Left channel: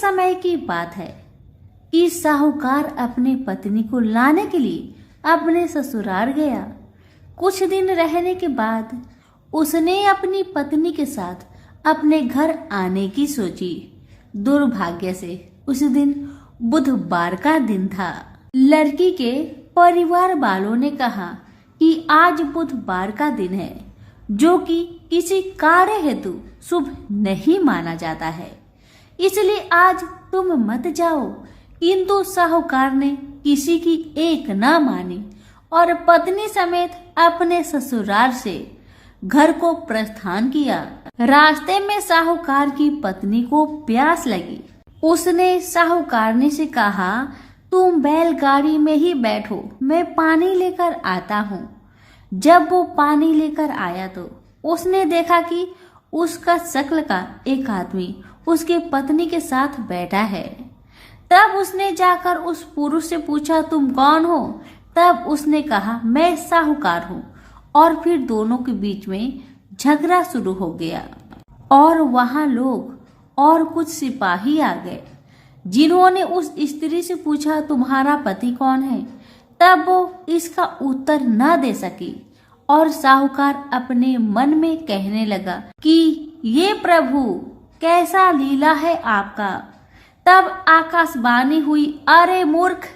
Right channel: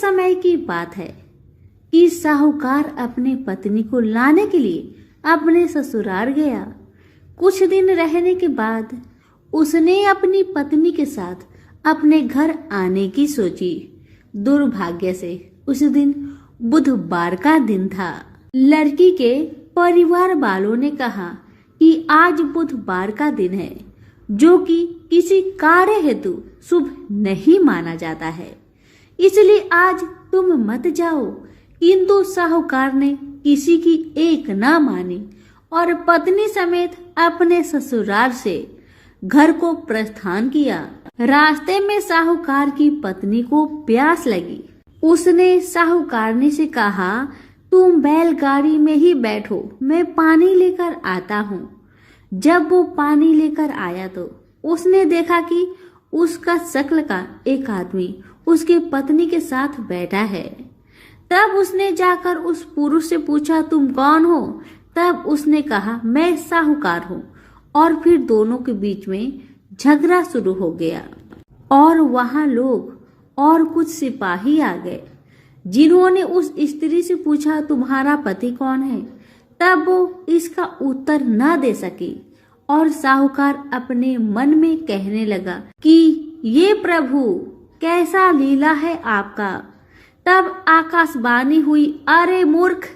समय की बात है कि साहूकार अपनी पत्नी को लाने के लिए अपने ससुराल गया। कुछ दिन रहने के बाद उसने अपनी पत्नी के साथ अपने घर आने की सोची। दुर्भाग्य से उस दिन बुधवार का दिन था। लड़की के परिवार वालों ने कहा कि आज बुधवार का दिन है, जो कि किसी कार्य हेतु शुभ नहीं माना जाता है, इसलिए आज तुम मत जाओ। किंतु साहूकार ने किसी की एक ना मानी और पत्नी समेत अपने ससुराल से घर को प्रस्थान किया। रास्ते में साहूकार की पत्नी को प्यास लगी। उसने साहूकारनी से कहा, तुम बैलगाड़ी में ही बैठो, मैं पानी लेकर आता हूँ। जब वो पानी लेकर आया तो उसने देखा कि उसका शक्ल का एक आदमी उसके पत्नी के साथ बैठा है। तब उसने जाकर उस पुरुष से पूछा, तुम कौन हो? तब उसने कहा, मैं साहूकार हूँ। और फिर दोनों के बीच में झगड़ा शुरू हो गया और वहां लोग और कुछ सिपाही आ गए, जिन्होंने उस स्त्री से पूछा, तुम्हारा पति कौन है? तब वो इसका उत्तर न दे सकी और साहूकार अपने मन में कहने लगा कि ये प्रभु, कैसा लीला है आपका। तब आकाशवाणी हुई, अरे मूर्ख,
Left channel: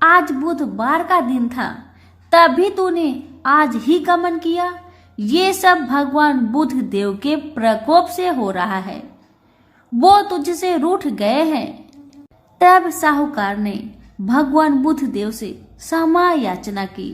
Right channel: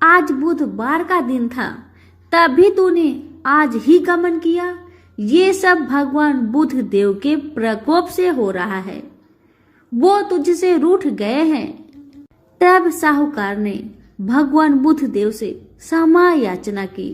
आज बुधवार का दिन था, तभी तूने आज ही गमन किया। ये सब भगवान बुध देव के प्रकोप से हो रहा है, वो तुझसे रूठ गए हैं। तब साहूकार ने भगवान बुध देव से क्षमा याचना की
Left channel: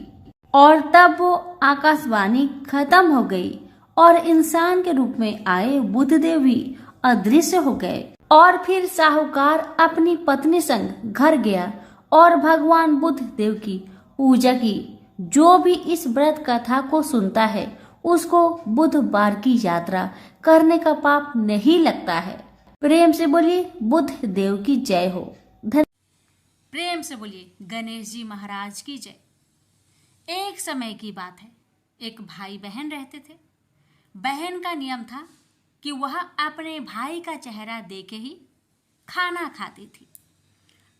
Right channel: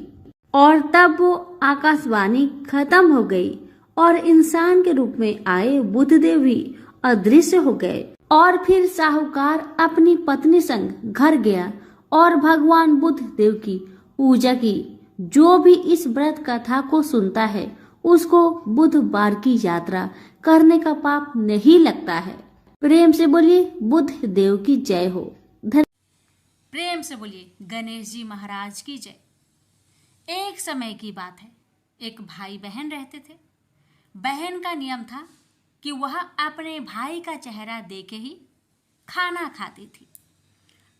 और तब वो आकाशवाणी खत्म हो गई और इंसान के रूप में आए बुधदेव भी अदृश्य हो गए। और फिर साहूकार अपनी पत्नी संग घर गया और भगवान बुध देव की पूजा की। जो भी इस व्रत कथा को सुनता है उसको बुधवार की यात्रा करने का पाप नहीं लगता है। प्रेम से बोलिए बुध देव की जय हो। प्रेम से बोलिए गणेश जी महाराज की जय। एक समय की बात है, एक भाई बहन रहते थे। बहन का नियम था कि वह अपने भाई का चेहरा देखे ही खाना खाती थी।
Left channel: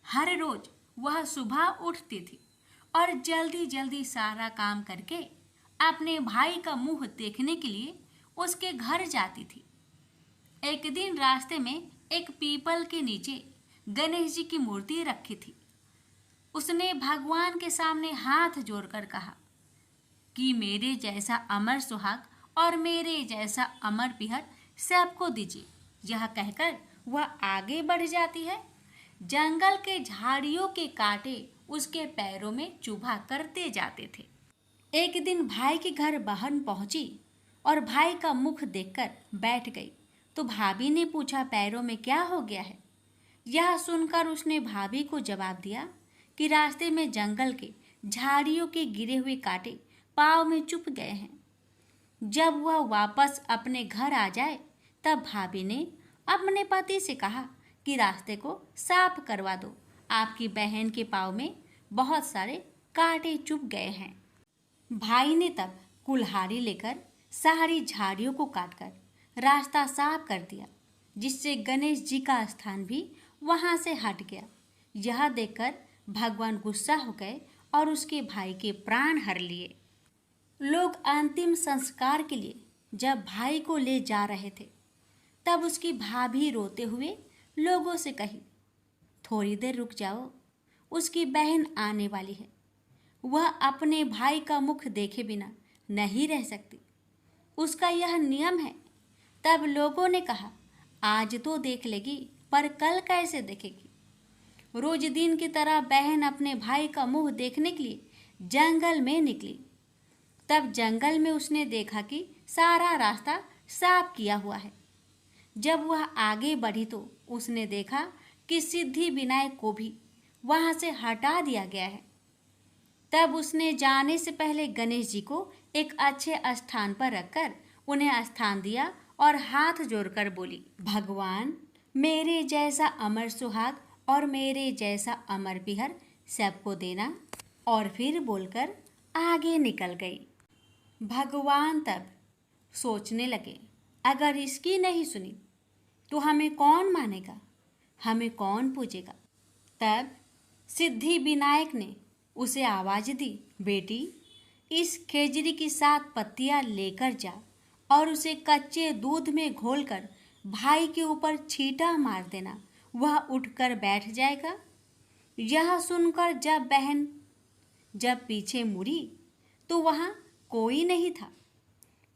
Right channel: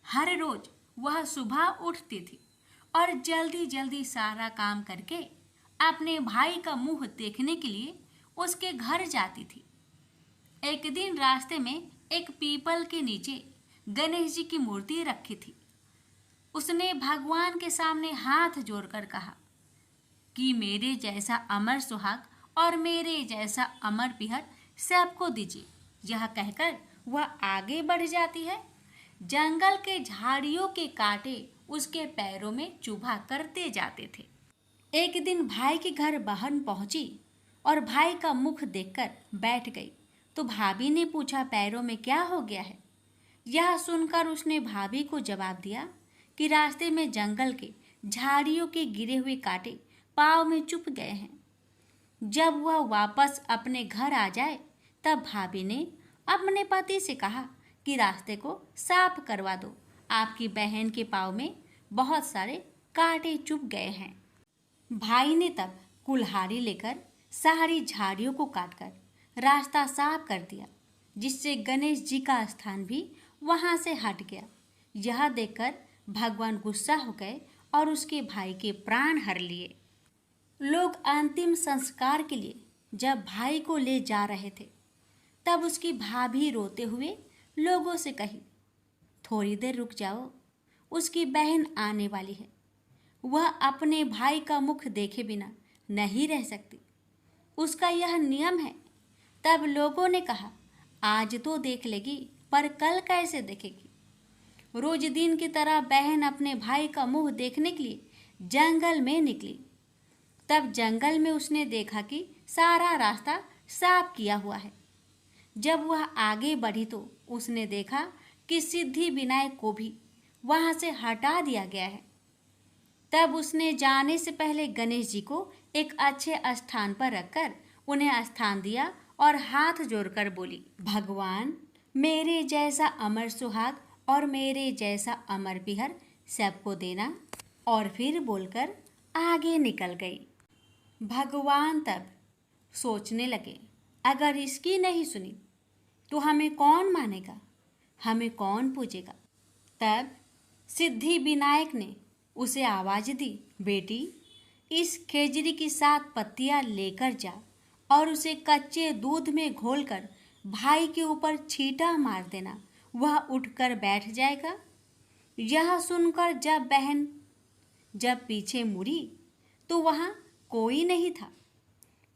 हर रोज वह सुबह उठती थी और जल्दी जल्दी सारा काम करके अपने भाई का मुंह देखने के लिए उसके घर जाती थी। एक दिन रास्ते में एक पीपल के नीचे गणेश जी की मूर्ति रखी थी। उसने भगवान के सामने हाथ जोड़कर कहा कि मेरे जैसा अमर सुहाग और मेरे जैसा अमर पिहर सबको दीजिए। यह कहकर वह आगे बढ़ जाती है। जंगल के झाड़ियों के कांटे उसके पैरों में चुभा करते जाते थे। एक दिन भाई के घर बहन पहुंची और भाई का मुख देखकर बैठ गई तो भाभी ने पूछा, पैरों में क्या हो गया है? यह सुनकर उसने भाभी को जवाब दिया कि रास्ते में जंगल के झाड़ियों के गिरे हुए कांटे पाँव में चुभ गए हैं। जब वह वापस अपने घर आ जाए तब भाभी ने अपने पति से कहा कि रास्ते को साफ करवा दो, आपकी बहन के पाँव में बहुत सारे कांटे चुभ गए हैं। भाई ने तब कुल्हाड़ी लेकर सारी झाड़ियों को काटकर रास्ता साफ कर दिया, जिससे गणेश जी का स्थान भी वहां से हट गया। यह देखकर भगवान गुस्सा हो गए और उसके भाई के प्राण हर लिए। लोग अंतिम संस्कार के लिए जब भाई को ले जा रहे थे तब उसकी भाभी रोते हुए लोगों से कही, थोड़ी देर रुक जाओ, उसकी बहन आने वाली है, वह अपने भाई का मुख देखे बिना नहीं रह सकती, उसका यह नियम है। तब लोगों ने कहा, आज तो देख लेगी पर कल कैसे देखेगी? रोज दिन की तरह बहन अपने भाई का मुंह देखने के लिए जंगल में निकली। तब जंगल में उसने देखा कि सारा रास्ता साफ किया हुआ है। जब वह आगे बढ़ी तो उसने देखा कि सिद्धि विनायक को भी वहां से हटा दिया गया है। तब उसने जाने से पहले गणेश जी को एक अच्छे स्थान पर रखकर उन्हें स्थान दिया और हाथ जोड़कर बोली, भगवान मेरे जैसा अमर सुहाग और मेरे जैसा अमर पिहर सबको देना। और फिर बोलकर आगे निकल गई। भगवान तब सोचने लगे, अगर इसकी नहीं सुनी तो हमें कौन मानेगा? हमें कौन पूजेगा। तब सिद्धि विनायक ने उसे आवाज दी, बेटी इस खेजड़ी की 7 पत्तियां लेकर जा और उसे कच्चे दूध में घोलकर भाई के ऊपर छींटा मार देना, वह उठकर बैठ जाएगा। यह सुनकर जब पीछे मुड़ी तो वहाँ कोई नहीं था।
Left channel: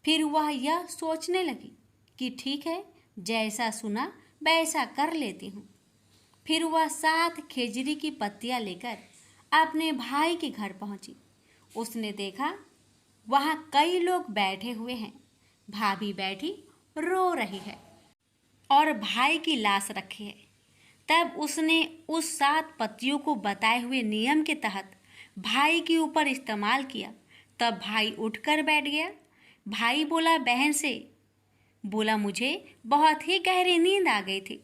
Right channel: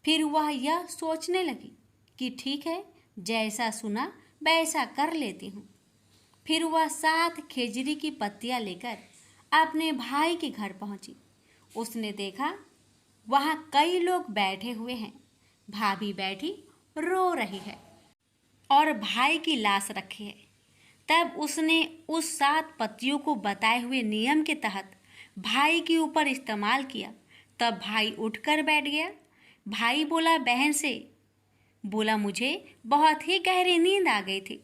फिर वह यह सोचने लगी कि ठीक है, जैसा सुना वैसा कर लेती हूँ। फिर वह 7 खेजड़ी की पत्तियां लेकर अपने भाई के घर पहुंची। उसने देखा वहाँ कई लोग बैठे हुए हैं। भाभी बैठी रो रही है और भाई की लाश रखी है। तब उसने उस 7 पत्तियों को बताए हुए नियम के तहत भाई के ऊपर इस्तेमाल किया। तब भाई उठकर बैठ गया। भाई बोला बहन से, बोला मुझे बहुत ही गहरी नींद आ गई थी।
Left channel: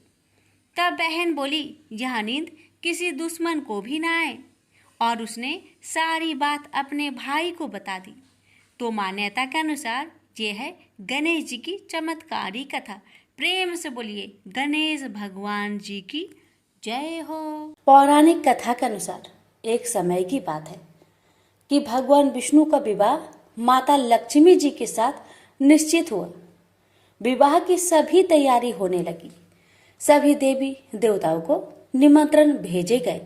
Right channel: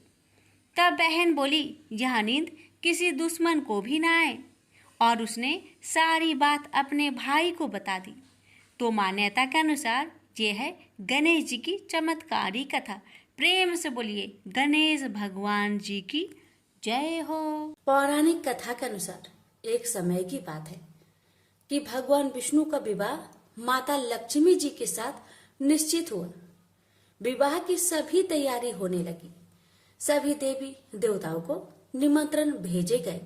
तब बहन बोली यह नींद किसी दुश्मन को भी ना आए, और उसने सारी बात अपने भाई को बता दी। तो मान्यता के अनुसार ये है गणेश जी की चमत्कारी कथा। प्रेम से बोलिए गणेश भगवान जी की जय हो। पौराणिक कथा के अनुसार एक समय की बात है कि भगवान विष्णु का विवाह माता लक्ष्मी जी के साथ निश्चित हुआ। विवाह की सभी तैयारी होने लगी। सभी देवी देवताओं को निमंत्रण भेजे गए,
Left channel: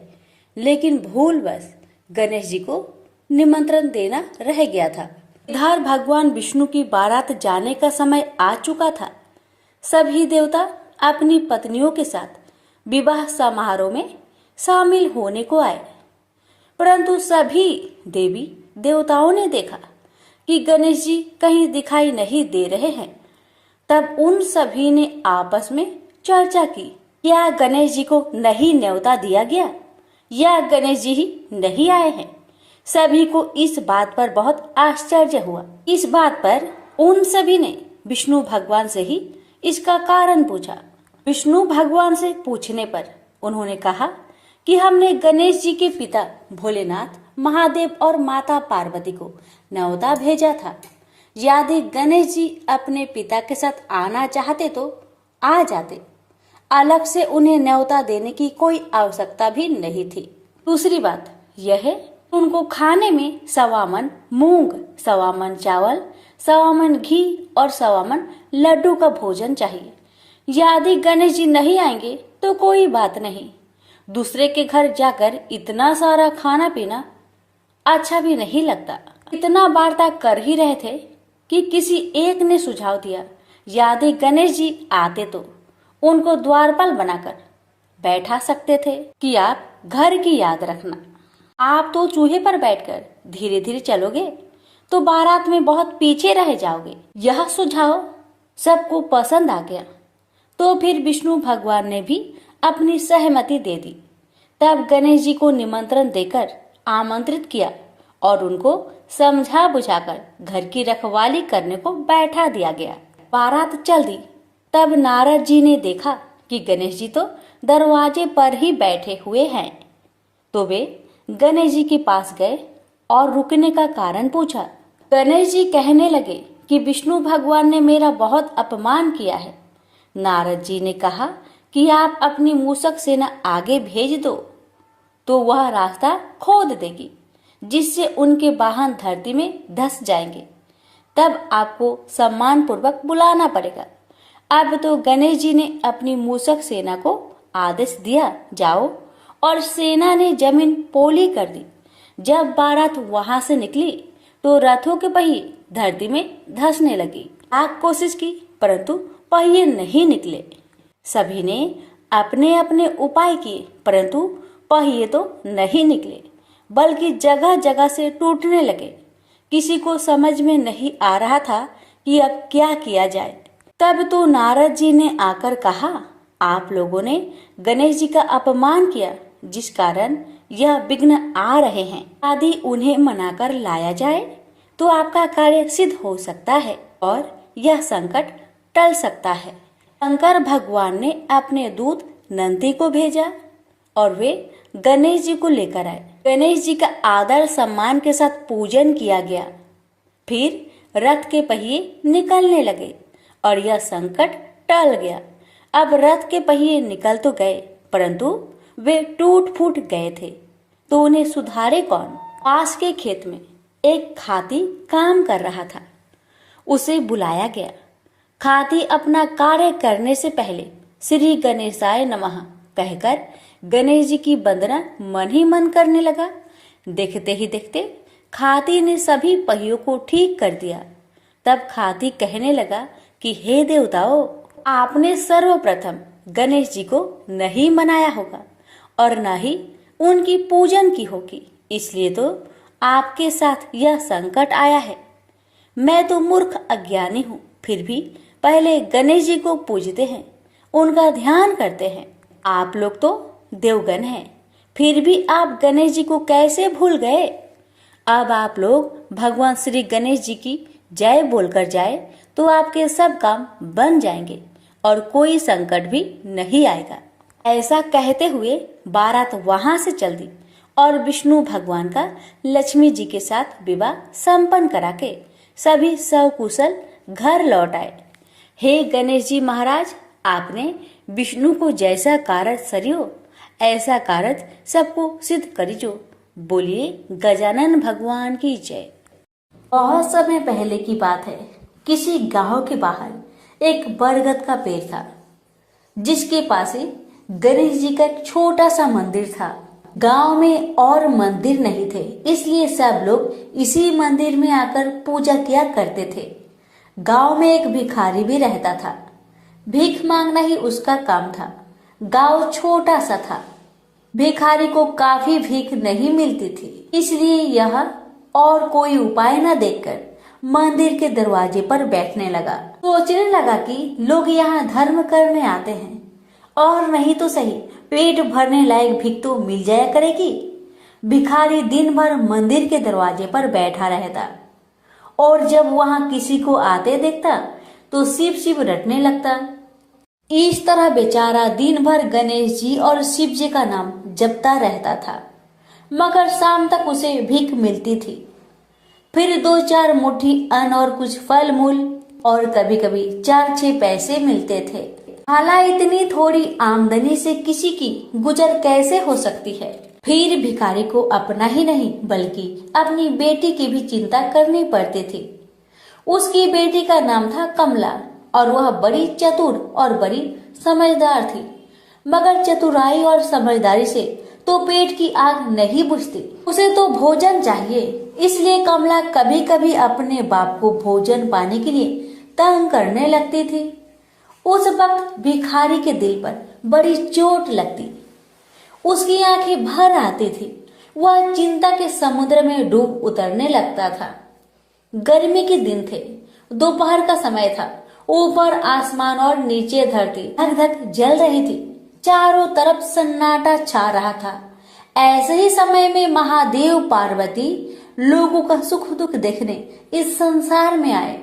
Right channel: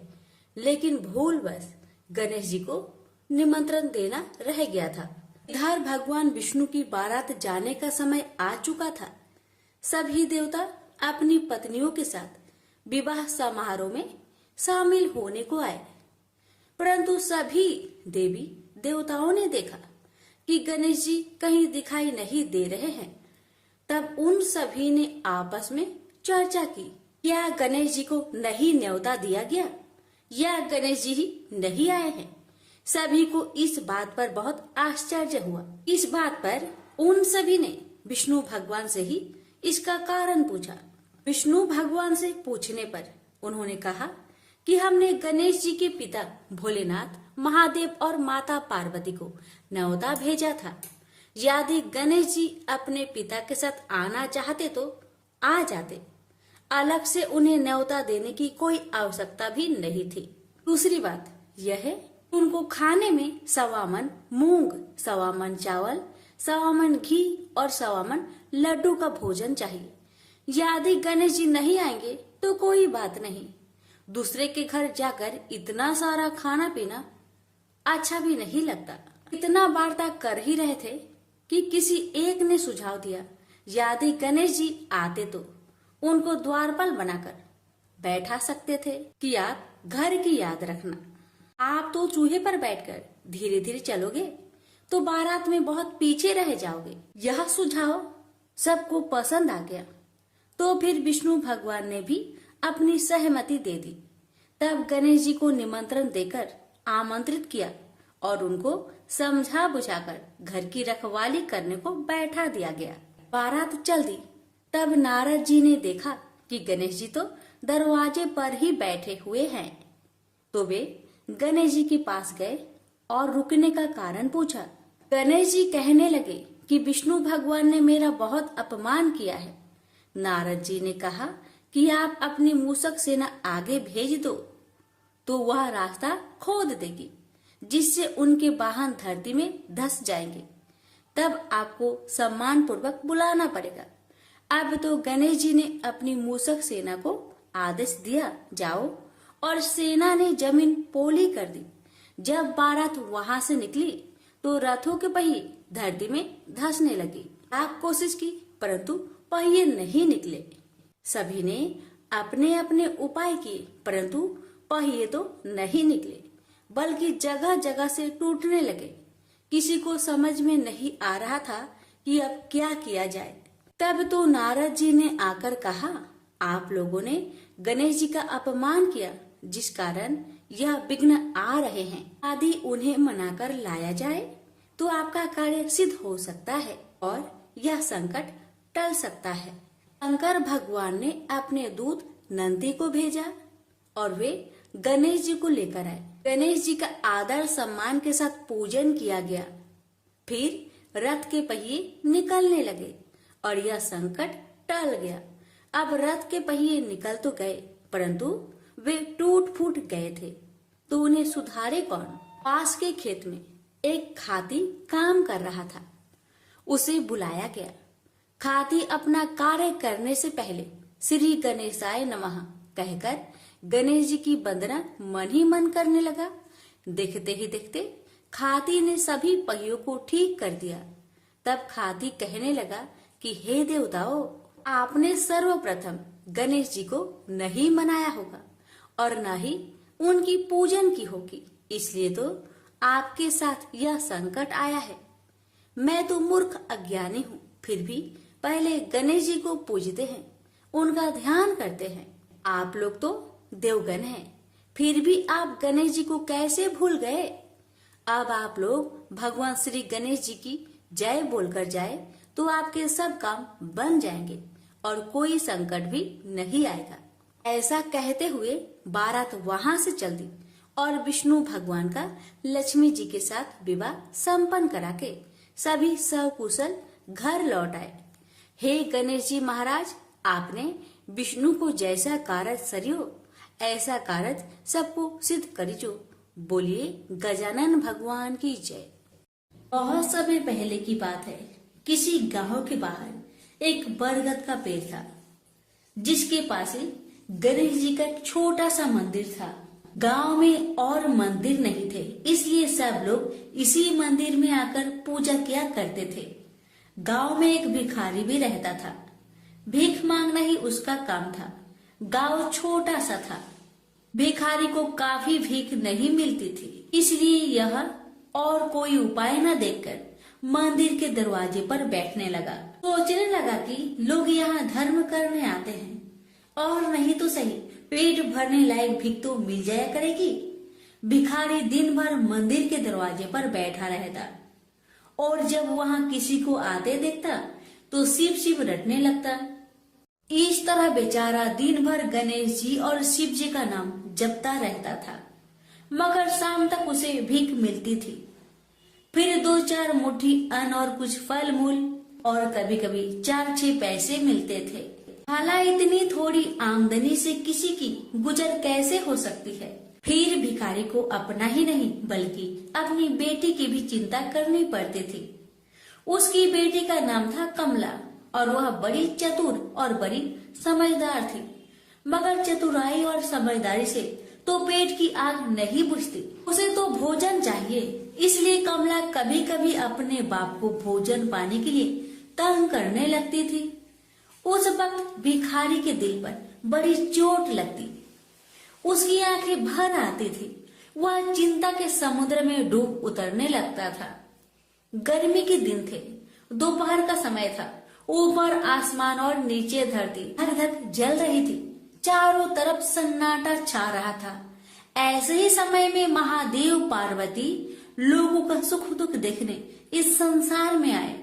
लेकिन भूलवश गणेश जी को निमंत्रण देना रह गया था। इधर भगवान विष्णु की बारात जाने का समय आ चुका था। सभी देवता अपनी पत्नियों के साथ विवाह समारोह में शामिल होने को आए, परंतु सभी देवी देवताओं ने देखा कि गणेश जी कहीं दिखाई नहीं दे रहे हैं। तब उन सभी ने आपस में चर्चा की, क्या गणेश जी को नहीं न्योता दिया गया या गणेश जी ही नहीं आए हैं। सभी को इस बात पर बहुत आश्चर्य हुआ। इस बात पर उन सभी ने विष्णु भगवान से ही इसका कारण पूछा। विष्णु भगवान से पूछने पर उन्होंने कहा कि हमने गणेश जी के पिता भोलेनाथ, महादेव और माता पार्वती को न्योता भेजा था। यदि गणेश जी अपने पिता के साथ आना चाहते तो आ जाते, अलग से उन्हें न्योता देने की कोई आवश्यकता भी नहीं थी। दूसरी बात यह है, उनको खाने में 1.25 मन मूंग, 1.25 मन चावल, 1.25 मन घी और 1.25 मन लड्डू का भोजन चाहिए। यदि गणेश जी नहीं आएंगे तो कोई बात नहीं, दूसरे के घर जाकर इतना सारा खाना पीना अच्छा भी नहीं लगता। इतना वार्ता कर ही रहे थे कि किसी एक ने सुझाव दिया, यदि गणेश जी आते तो उनको द्वारपाल बनाकर बैठा सकते थे कि आप घर की याद रखना। आप तो चूहे पर बैठकर धीरे धीरे चलोगे तो बारात में बहुत पीछे रह जाओगे। यह सुझाव सबको पसंद आ गया, तो फिर विष्णु भगवान ने भी अपनी सहमति दे दी। तब गणेश जी को निमंत्रण देकर आमंत्रित किया और उनको समझा बुझाकर घर की रखवाली करने को बैठा दिया गया। बारात चल दी। तब नारद जी ने देखा कि गणेश जी तो दरवाजे पर ही बैठे हुए हैं, तो वे गणेश जी के पास गए और रुकने का कारण पूछा। गणेश जी कहने लगे कि विष्णु भगवान ने मेरा बहुत अपमान किया है। नारद जी ने कहा कि आप अपनी मूषक सेना आगे भेज दो तो वह रास्ता खोद देगी, जिससे उनके वाहन धरती में धंस जाएंगे। तब आपको सम्मान पूर्वक बुलाना पड़ेगा। अब तो गणेश जी ने अपनी मूषक सेना को आदेश दिया, जाओ, और सेना ने जमीन पोली कर दी। जब बारात वहां से निकली तो रथों के पहिए धरती में धंसने लगी। आप कोशिश की परंतु पहिए नहीं निकले। सभी ने अपने अपने उपाय किए परंतु पहिए तो नहीं निकले, बल्कि जगह जगह से टूटने लगे। किसी को समझ में नहीं आ रहा था कि अब क्या किया जाए। तब तो नारद जी ने आकर कहा, आप लोगों ने गणेश जी का अपमान किया, जिस कारण यह विघ्न आ रहे हैं। यदि उन्हें मनाकर लाया जाए तो आपका कार्य सिद्ध हो सकता है और यह संकट टल सकता है। शंकर भगवान ने अपने दूत नंदी को भेजा और वे गणेश जी को लेकर आए। गणेश जी का आदर सम्मान के साथ पूजन किया गया। फिर रथ के पहिए निकलने लगे और यह संकट टल गया। अब रथ के पहिए निकल तो गए परंतु वे टूट फूट गए थे। तो उन्हें सुधारे कौन? पास के खेत में एक खाती काम कर रहा था। उसे बुलाया गया। खाती अपना कार्य करने से पहले श्री गणेशाय नमः कहकर गणेश जी की वंदना मन ही मन करने लगा। देखते ही देखते खाती ने सभी पहियों को ठीक कर दिया। तब खाती कहने लगा कि हे देवताओं, आपने सर्वप्रथम गणेश जी को नहीं मनाया होगा और न ही उनकी पूजन की होगी, इसलिए तो आपके साथ यह संकट आया है। मैं तो मूर्ख अज्ञानी हूँ, फिर भी पहले गणेश जी को पूजते हैं, उनका ध्यान करते हैं। आप लोग तो देवगण हैं, फिर भी आप गणेश जी को कैसे भूल गए? अब आप लोग भगवान श्री गणेश जी की जय बोलकर जाए तो आपके सब काम बन जाएंगे और कोई संकट भी नहीं आएगा। ऐसा कहते हुए बारात वहां से चल दी और विष्णु भगवान का लक्ष्मी जी के साथ विवाह संपन्न करा के सभी सकुशल घर लौट आए। हे गणेश जी महाराज, आपने विष्णु को जैसा कारज सरियो ऐसा कारज सबको सिद्ध करिजो। बोलिए गजानन भगवान की जय। बहुत समय पहले की बात है। किसी गांव के बाहर एक बरगद का पेड़ था, जिसके पास ही गणेश जी का एक छोटा सा मंदिर था। गांव में और मंदिर नहीं थे, इसलिए सब लोग इसी मंदिर में आकर पूजा किया करते थे। गांव में एक भिखारी भी रहता था। भीख मांगना ही उसका काम था। गांव छोटा सा था। भिखारी को काफी भीख नहीं मिलती थी, इसलिए यह और कोई उपाय न देखकर मंदिर के दरवाजे पर बैठने लगा। सोचने लगा कि लोग यहाँ धर्म करने आते हैं और नहीं तो सही पेट भरने लायक भीख तो मिल जाया करेगी। भिखारी दिन भर मंदिर के दरवाजे पर बैठा रहता और जब वहाँ किसी को आते देखता तो शिव शिव रटने लगता। इस तरह बेचारा दिन भर गणेश जी और शिव जी का नाम जपता रहता था, मगर शाम तक उसे भीख मिलती थी। फिर 2-4 मुट्ठी अन्न और कुछ फल मूल और कभी कभी 4-6 पैसे मिलते थे। हालांकि इतनी थोड़ी आमदनी से किसी की गुजर कैसे हो सकती है। फिर भिखारी को अपना ही नहीं बल्कि अपनी बेटी की भी चिंता करनी पड़ती थी। उसकी बेटी का नाम था कमला और वह बड़ी चतुर और बड़ी समझदार थी, मगर चतुराई और समझदारी से तो पेट की आग नहीं बुझती। उसे तो भोजन चाहिए, इसलिए कमला कभी कभी अपने बाप को भोजन पाने के लिए तंग करने लगती थी। उस वक्त भिखारी के दिल पर बड़ी चोट लगती। उसकी आंखें भर आती थी। वह चिंता के समुद्र में डूब उतरने लगता था। गर्मी के दिन थे, दोपहर का समय था। ऊपर आसमान और नीचे धरती धक धक जल रही थी। चारों तरफ सन्नाटा छा रहा था। ऐसे ही समय में महादेव पार्वती लोगों का सुख दुख देखने इस संसार में आए।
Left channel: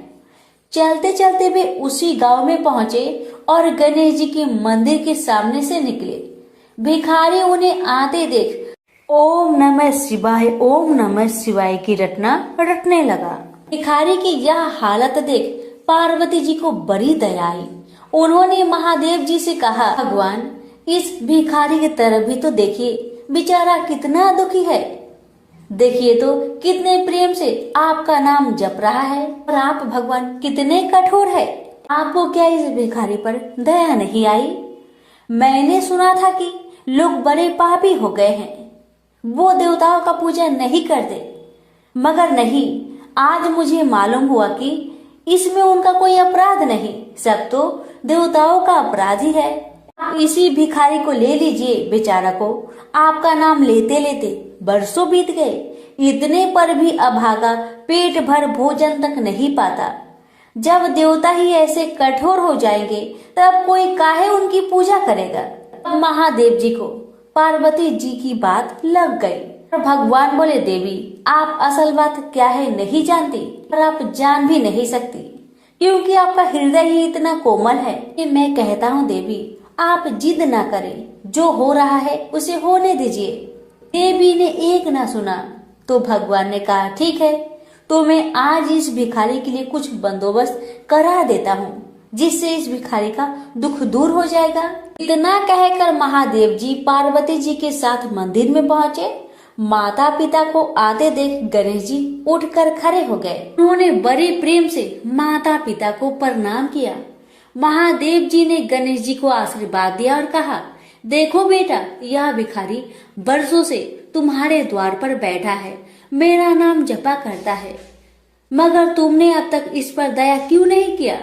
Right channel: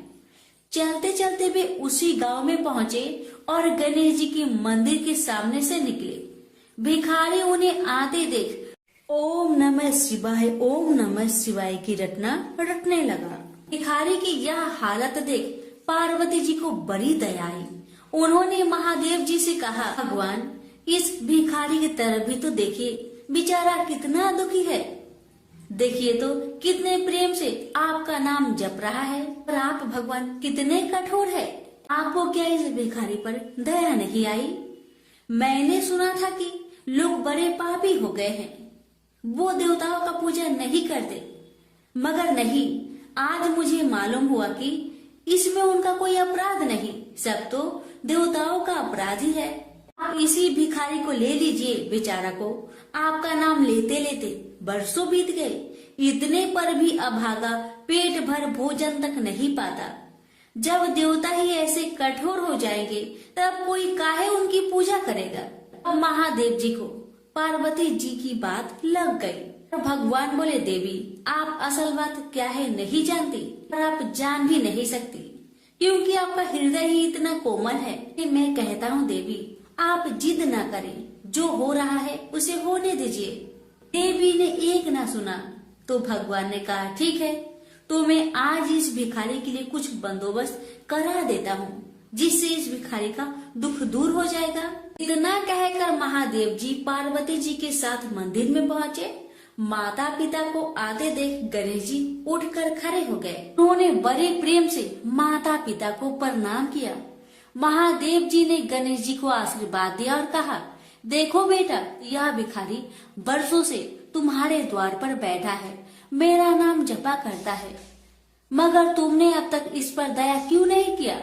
चलते चलते वे उसी गांव में पहुंचे और गणेश जी के मंदिर के सामने से निकले। भिखारी उन्हें आते देख ओम नमः शिवाय की रटना रटने लगा। भिखारी की यह हालत देख पार्वती जी को बड़ी दया आई। उन्होंने महादेव जी से कहा, भगवान इस भिखारी की तरफ भी तो देखिए, बेचारा कितना दुखी है। देखिए तो कितने प्रेम से आपका नाम जप रहा है और आप भगवान कितने कठोर है। आपको क्या इस भिखारी पर दया नहीं आई? मैंने सुना था कि लोग बड़े पापी हो गए हैं, वो देवताओं का पूजा नहीं करते, मगर नहीं, आज मुझे मालूम हुआ कि इसमें उनका कोई अपराध नहीं, सब तो देवताओं का अपराध ही है। आप इसी भिखारी को ले लीजिए। बेचारा को आपका नाम लेते लेते बरसों बीत गए, इतने पर भी अभागा पेट भर भोजन तक नहीं पाता। जब देवता ही ऐसे कठोर हो जाएंगे तब कोई काहे उनकी पूजा करेगा। महादेव जी को पार्वती जी की बात लग गई। भगवान बोले, देवी आप असल बात क्या है नहीं जानती और आप जान भी नहीं सकती, क्योंकि आपका हृदय ही इतना कोमल है कि मैं कहता हूँ देवी आप जिद ना करें, जो हो रहा है उसे होने दीजिए। देवी ने एक ना सुना तो भगवान ने कहा, ठीक है तो मैं आज इस भिखारी के लिए कुछ बंदोबस्त करा देता हूँ, जिससे इस भिखारी का दुख दूर हो जाएगा। इतना कहकर महादेव जी पार्वती जी के साथ मंदिर में पहुँचे। माता पिता को आते देख गणेश जी उठकर खड़े हो गए। उन्होंने बड़े प्रेम से माता पिता को प्रणाम किया। महादेव जी ने गणेश जी को आशीर्वाद दिया और कहा, देखो बेटा, यह भिखारी बरसों से तुम्हारे द्वार पर बैठा है, मेरा नाम जपा करता है, मगर तुमने अब तक इस पर दया क्यों नहीं किया?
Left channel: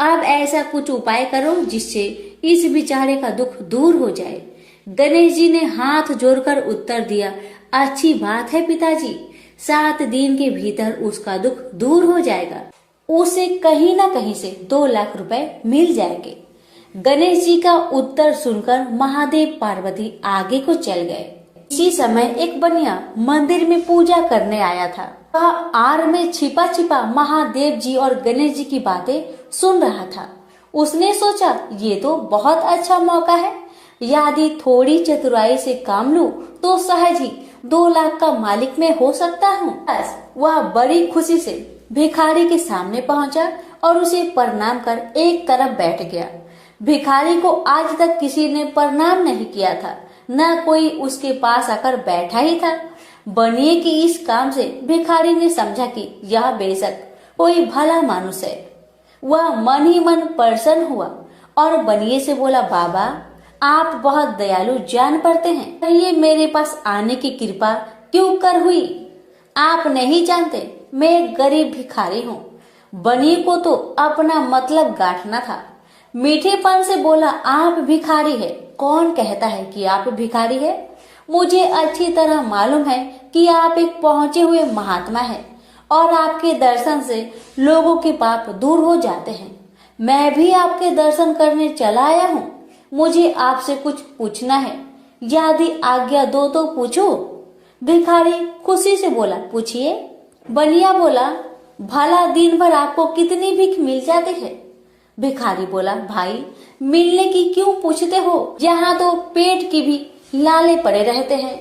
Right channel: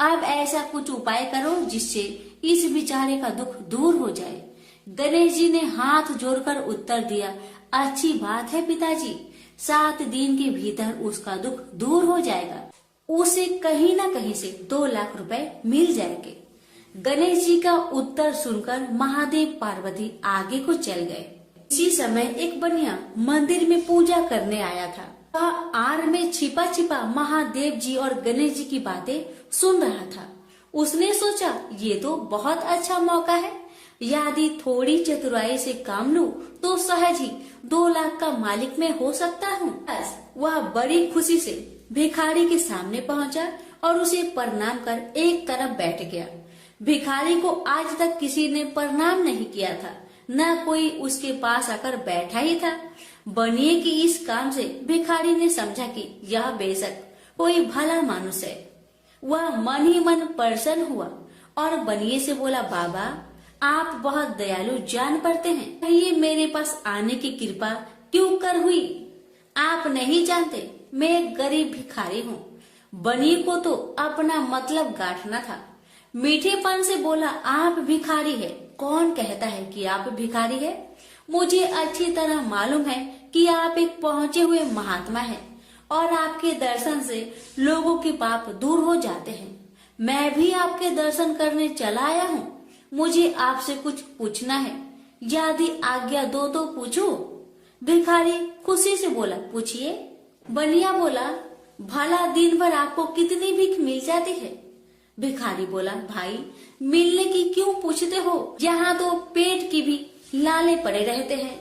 अब ऐसा कुछ उपाय करो जिससे इस बेचारे का दुख दूर हो जाए। गणेश जी ने हाथ जोड़कर उत्तर दिया, अच्छी बात है पिताजी, 7 दिन के भीतर उसका दुख दूर हो जाएगा। उसे कहीं न कहीं से 2 लाख रुपए मिल जाएंगे। गणेश जी का उत्तर सुनकर महादेव पार्वती आगे को चल गए। इसी समय एक बनिया मंदिर में पूजा करने आया था। वह आड़ में छिपा छिपा महादेव जी और गणेश जी की बातें सुन रहा था। उसने सोचा, ये तो बहुत अच्छा मौका है, यदि थोड़ी चतुराई से काम लूं तो सहज ही 2 लाख का मालिक मैं हो सकता हूँ। बस वह बड़ी खुशी से भिखारी के सामने पहुँचा और उसे प्रणाम कर एक तरफ बैठ गया। भिखारी को आज तक किसी ने प्रणाम नहीं किया था, न कोई उसके पास आकर बैठा ही था। बनिए की इस काम से भिखारी ने समझा कि यह बेशक कोई भला मानुष है। वह मन ही मन प्रसन्न हुआ और बनिए से बोला, बाबा आप बहुत दयालु जान पड़ते हैं, कहिए मेरे पास आने की कृपा क्यों कर हुई? आप नहीं जानते मैं एक गरीब भिखारी हूँ। बनिए को तो अपना मतलब गांठना था। मीठेपन से बोला, आप भिखारी है? कौन कहता है कि आप भिखारी है? मुझे अच्छी तरह मालूम है कि आप एक पहुँचे हुए महात्मा हैं और आपके दर्शन से लोगों के पाप दूर हो जाते हैं। मैं भी आपके दर्शन करने चला आया हूँ। मुझे आपसे कुछ पूछना है, यदि आज्ञा दो तो पूछो। भिखारी खुशी से बोला, पूछिए। बनिया बोला, भला दिन भर आपको कितनी भीख मिल जाती है? भिखारी बोला, भाई मिलने की क्यों पूछते हो, यहाँ तो पेट की भी लाले पड़े रहते हैं।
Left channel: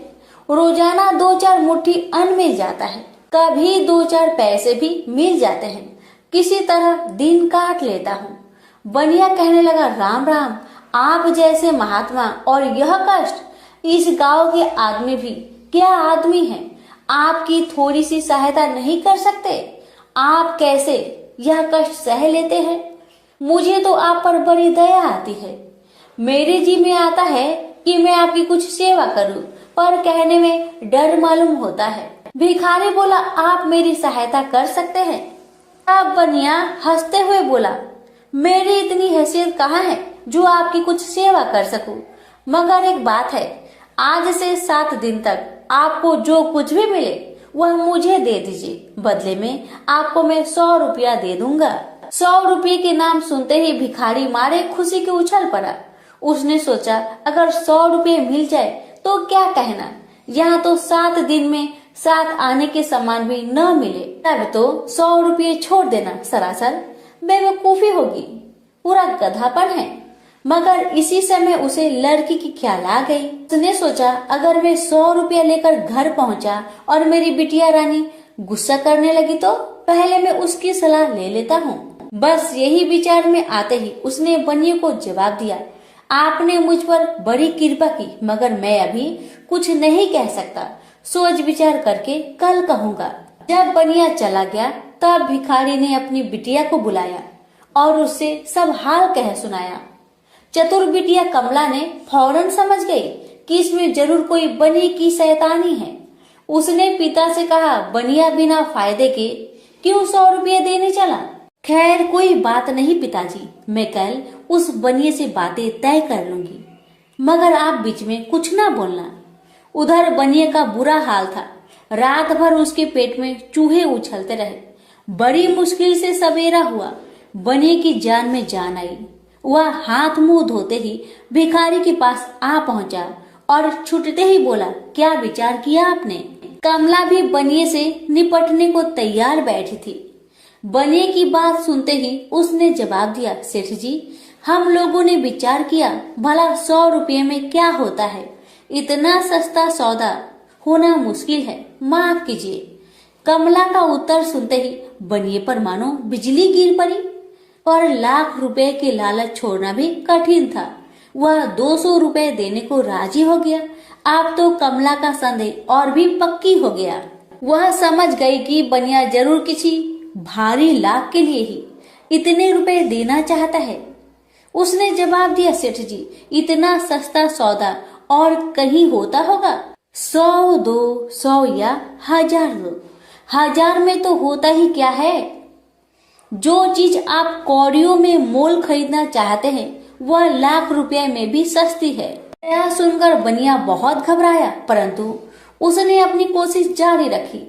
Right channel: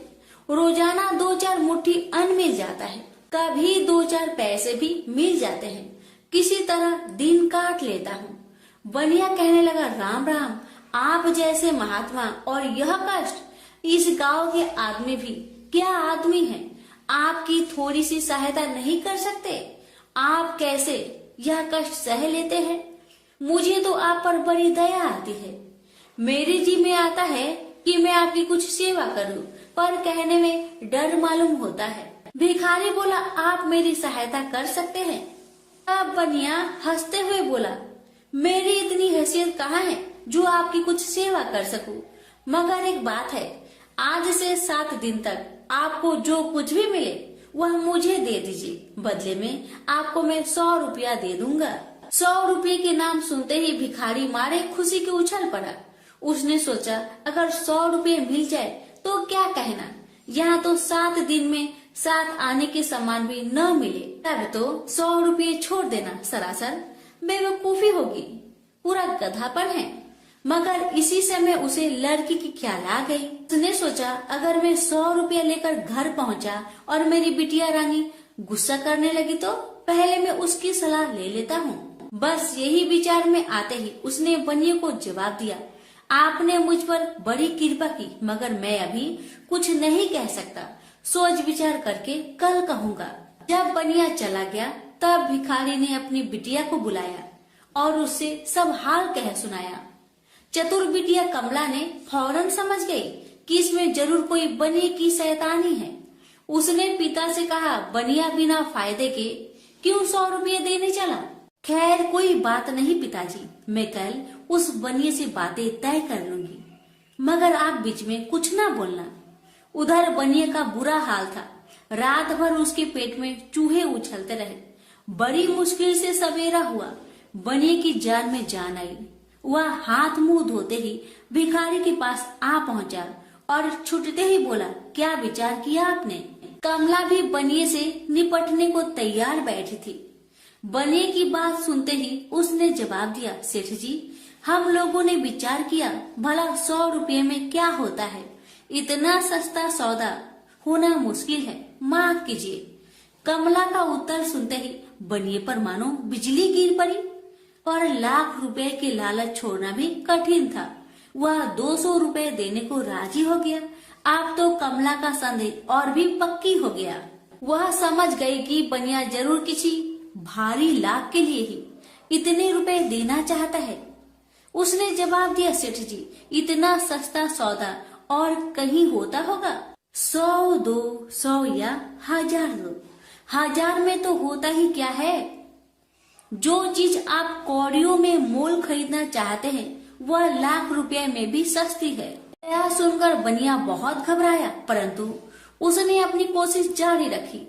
रोजाना 2-4 मुट्ठी अन्न मिल जाता है, कभी 2-4 पैसे भी मिल जाते हैं, किसी तरह दिन काट लेता हूँ। बनिया कहने लगा, राम राम, आप जैसे महात्मा और यह कष्ट, इस गांव के आदमी भी क्या आदमी हैं? आपकी थोड़ी सी सहायता नहीं कर सकते? आप कैसे यह कष्ट सह लेते हैं? मुझे तो आप पर बड़ी दया आती है। मेरे जी में आता है कि मैं आपकी कुछ सेवा करूं, पर कहने में डर मालूम होता है। भिखारी बोला, आप मेरी सहायता कर सकते हैं? अब बनिया हंसते हुए बोला, मेरी इतनी हैसियत कहाँ है जो आपकी कुछ सेवा कर सकूं, मगर एक बात है, आज से 7 दिन तक आपको जो कुछ भी मिले वह मुझे दे दीजिए, बदले में आपको मैं 100 रुपया दे दूंगा। 100 रुपये के नाम सुनते ही भिखारी मारे खुशी के उछल पड़ा। उसने सोचा, अगर 100 रुपये मिल जाए तो क्या कहना, यहाँ तो 7 दिन में 7 आने के सामान भी न मिले, तब तो 100 रुपये छोड़ देना सरासर बेवकूफी होगी, पूरा गधापन है। मगर इसी समय उसे लड़की की ख्याल आ गई। उसने सोचा, अगर मैं 100 रुपया लेकर घर पहुंचा और मेरी बिटिया रानी गुस्सा करने लगी तो पहले मैं उसकी सलाह ले लेता हूँ। बस यही विचार में आते ही उसने बनिए को जवाब दिया, आपने मुझ पर बड़ी कृपा की, मगर मैं अभी कुछ नहीं कह सकता, सोच विचार करके कल कहूँगा। जब बनिया चला गया तब भिखारी ने अपनी बिटिया को बुलाया और उससे सब हाल कह सुनाया। चतुर बिटिया कमला ने फौरन समझ गई कि इसमें जरूर कोई बनिए की शैतानी है। उसने पिता से कहा, बनिया बिना फायदे के क्यों 100 रुपये देने चला? खैर कोई बात नहीं पिताजी, मैं कल उस बनिए से बातें तय कर लूंगी, मगर आप बीच में कुछ ना बोलना। उधर बनिए का बुरा हाल था, रात भर उसके पेट में चूहे उछलते रहे। बड़ी मुश्किल से सवेरा हुआ, बनिए की जान में जान आई। वह हाथ मुंह धोते ही भिखारी के पास आ पहुंचा और छूटते ही बोला, क्या विचार किया आपने? कमला भी बनिए से निपटने को तैयार बैठी थी। बनिए की बात सुनते ही उसने जवाब दिया, सेठ जी, हम लोगों ने विचार किया, भला 100 रुपये में क्या होता है, इतना सस्ता सौदा होना मुश्किल है, माफ कीजिए। कमला का उत्तर सुनते ही बनिए पर मानो बिजली गिर पड़ी, और लाख रुपए की लालच छोड़ना भी कठिन था। वह 200 रुपए देने को राजी हो गया। अब तो कमला का संदेह और भी पक्की हो गया। वह समझ गई कि बनिया जरूर किसी भारी लाभ के लिए ही इतने रुपए देना चाहता है। उसने जवाब दिया, सेठ जी, इतना सस्ता सौदा और कहीं होता होगा? 100 दो, 100 या 1000 दो। 1000 में तो होता ही क्या है? जो चीज आप कौड़ियों में मोल खरीदना चाहते हैं वह लाख रुपए में भी सस्ती है। यह सुनकर बनिया बहुत घबराया, परंतु उसने अपनी कोशिश जारी रखी।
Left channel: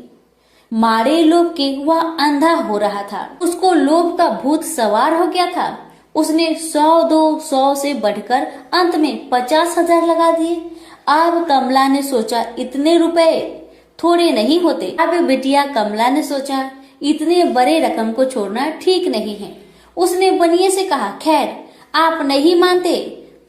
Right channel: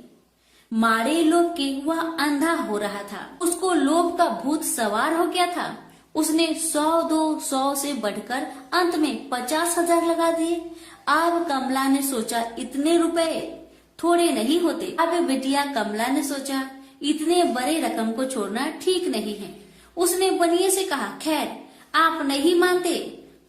मारे लोभ के वह अंधा हो रहा था। उसको लोभ का भूत सवार हो गया था। उसने 100 दो, 100 से बढ़कर अंत में 50,000 लगा दिए। अब कमला ने सोचा, इतने रुपए थोड़े नहीं होते। अब बिटिया कमला ने सोचा, इतने बड़े रकम को छोड़ना ठीक नहीं है। उसने बनिए से कहा, खैर आप नहीं मानते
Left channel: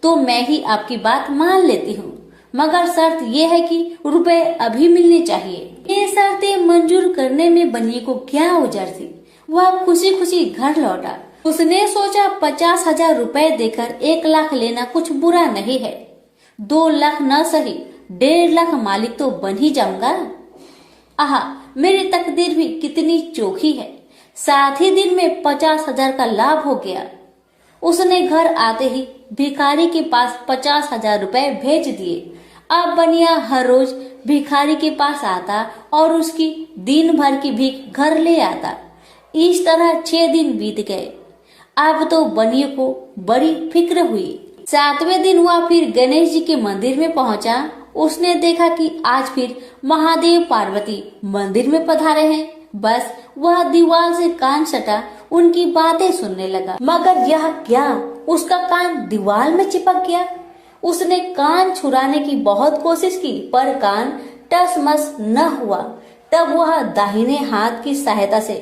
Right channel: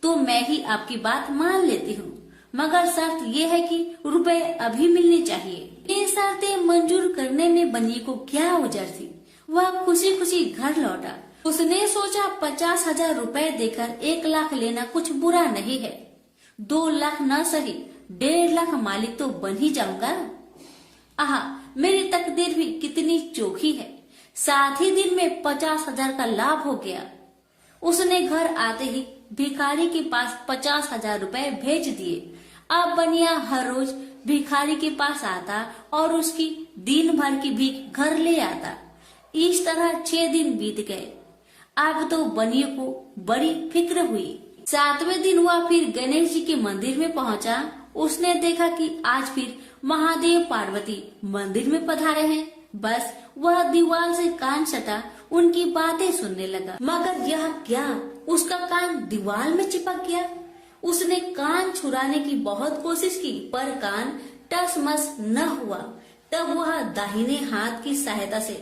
तो मैं ही आपकी बात मान लेती हूँ, मगर शर्त यह है कि रुपए अभी मिलने चाहिए। ये शर्तें मंजूर करने में बनिए को क्या उजर थी। वह खुशी खुशी घर लौटा। उसने सोचा 50,000 रुपए देकर 1 लाख लेना कुछ बुरा नहीं है। 2 लाख न सही 1.5 लाख मालिक तो बन ही जाऊंगा। आहा, मेरी तकदीर भी कितनी चोखी है। साथ ही दिन में 50,000 का लाभ हो गया। उसने घर आते ही भिखारी के पास 50,000 रुपए भेज दिए। अब बनिया हर रोज भिखारी के पास आता और उसकी दिन भर की भीख घर ले आता। इस तरह 6 दिन बीत गए। अब तो बनिए को बड़ी फिक्र हुई। 7वें दिन वह फिर गणेश जी के मंदिर में पहुंचा। उसने देखा कि आज फिर महादेव पार्वती मंदिर में पधारे हैं। बस वह दीवार से कान सटा उनकी बातें सुनने लगा, मगर यह क्या, उसका कान दीवार में चिपक गया। उसने कान छुड़ाने की बहुत कोशिश की, पर कान टसमस न हुआ। तब वह दाहिने हाथ की सहायता से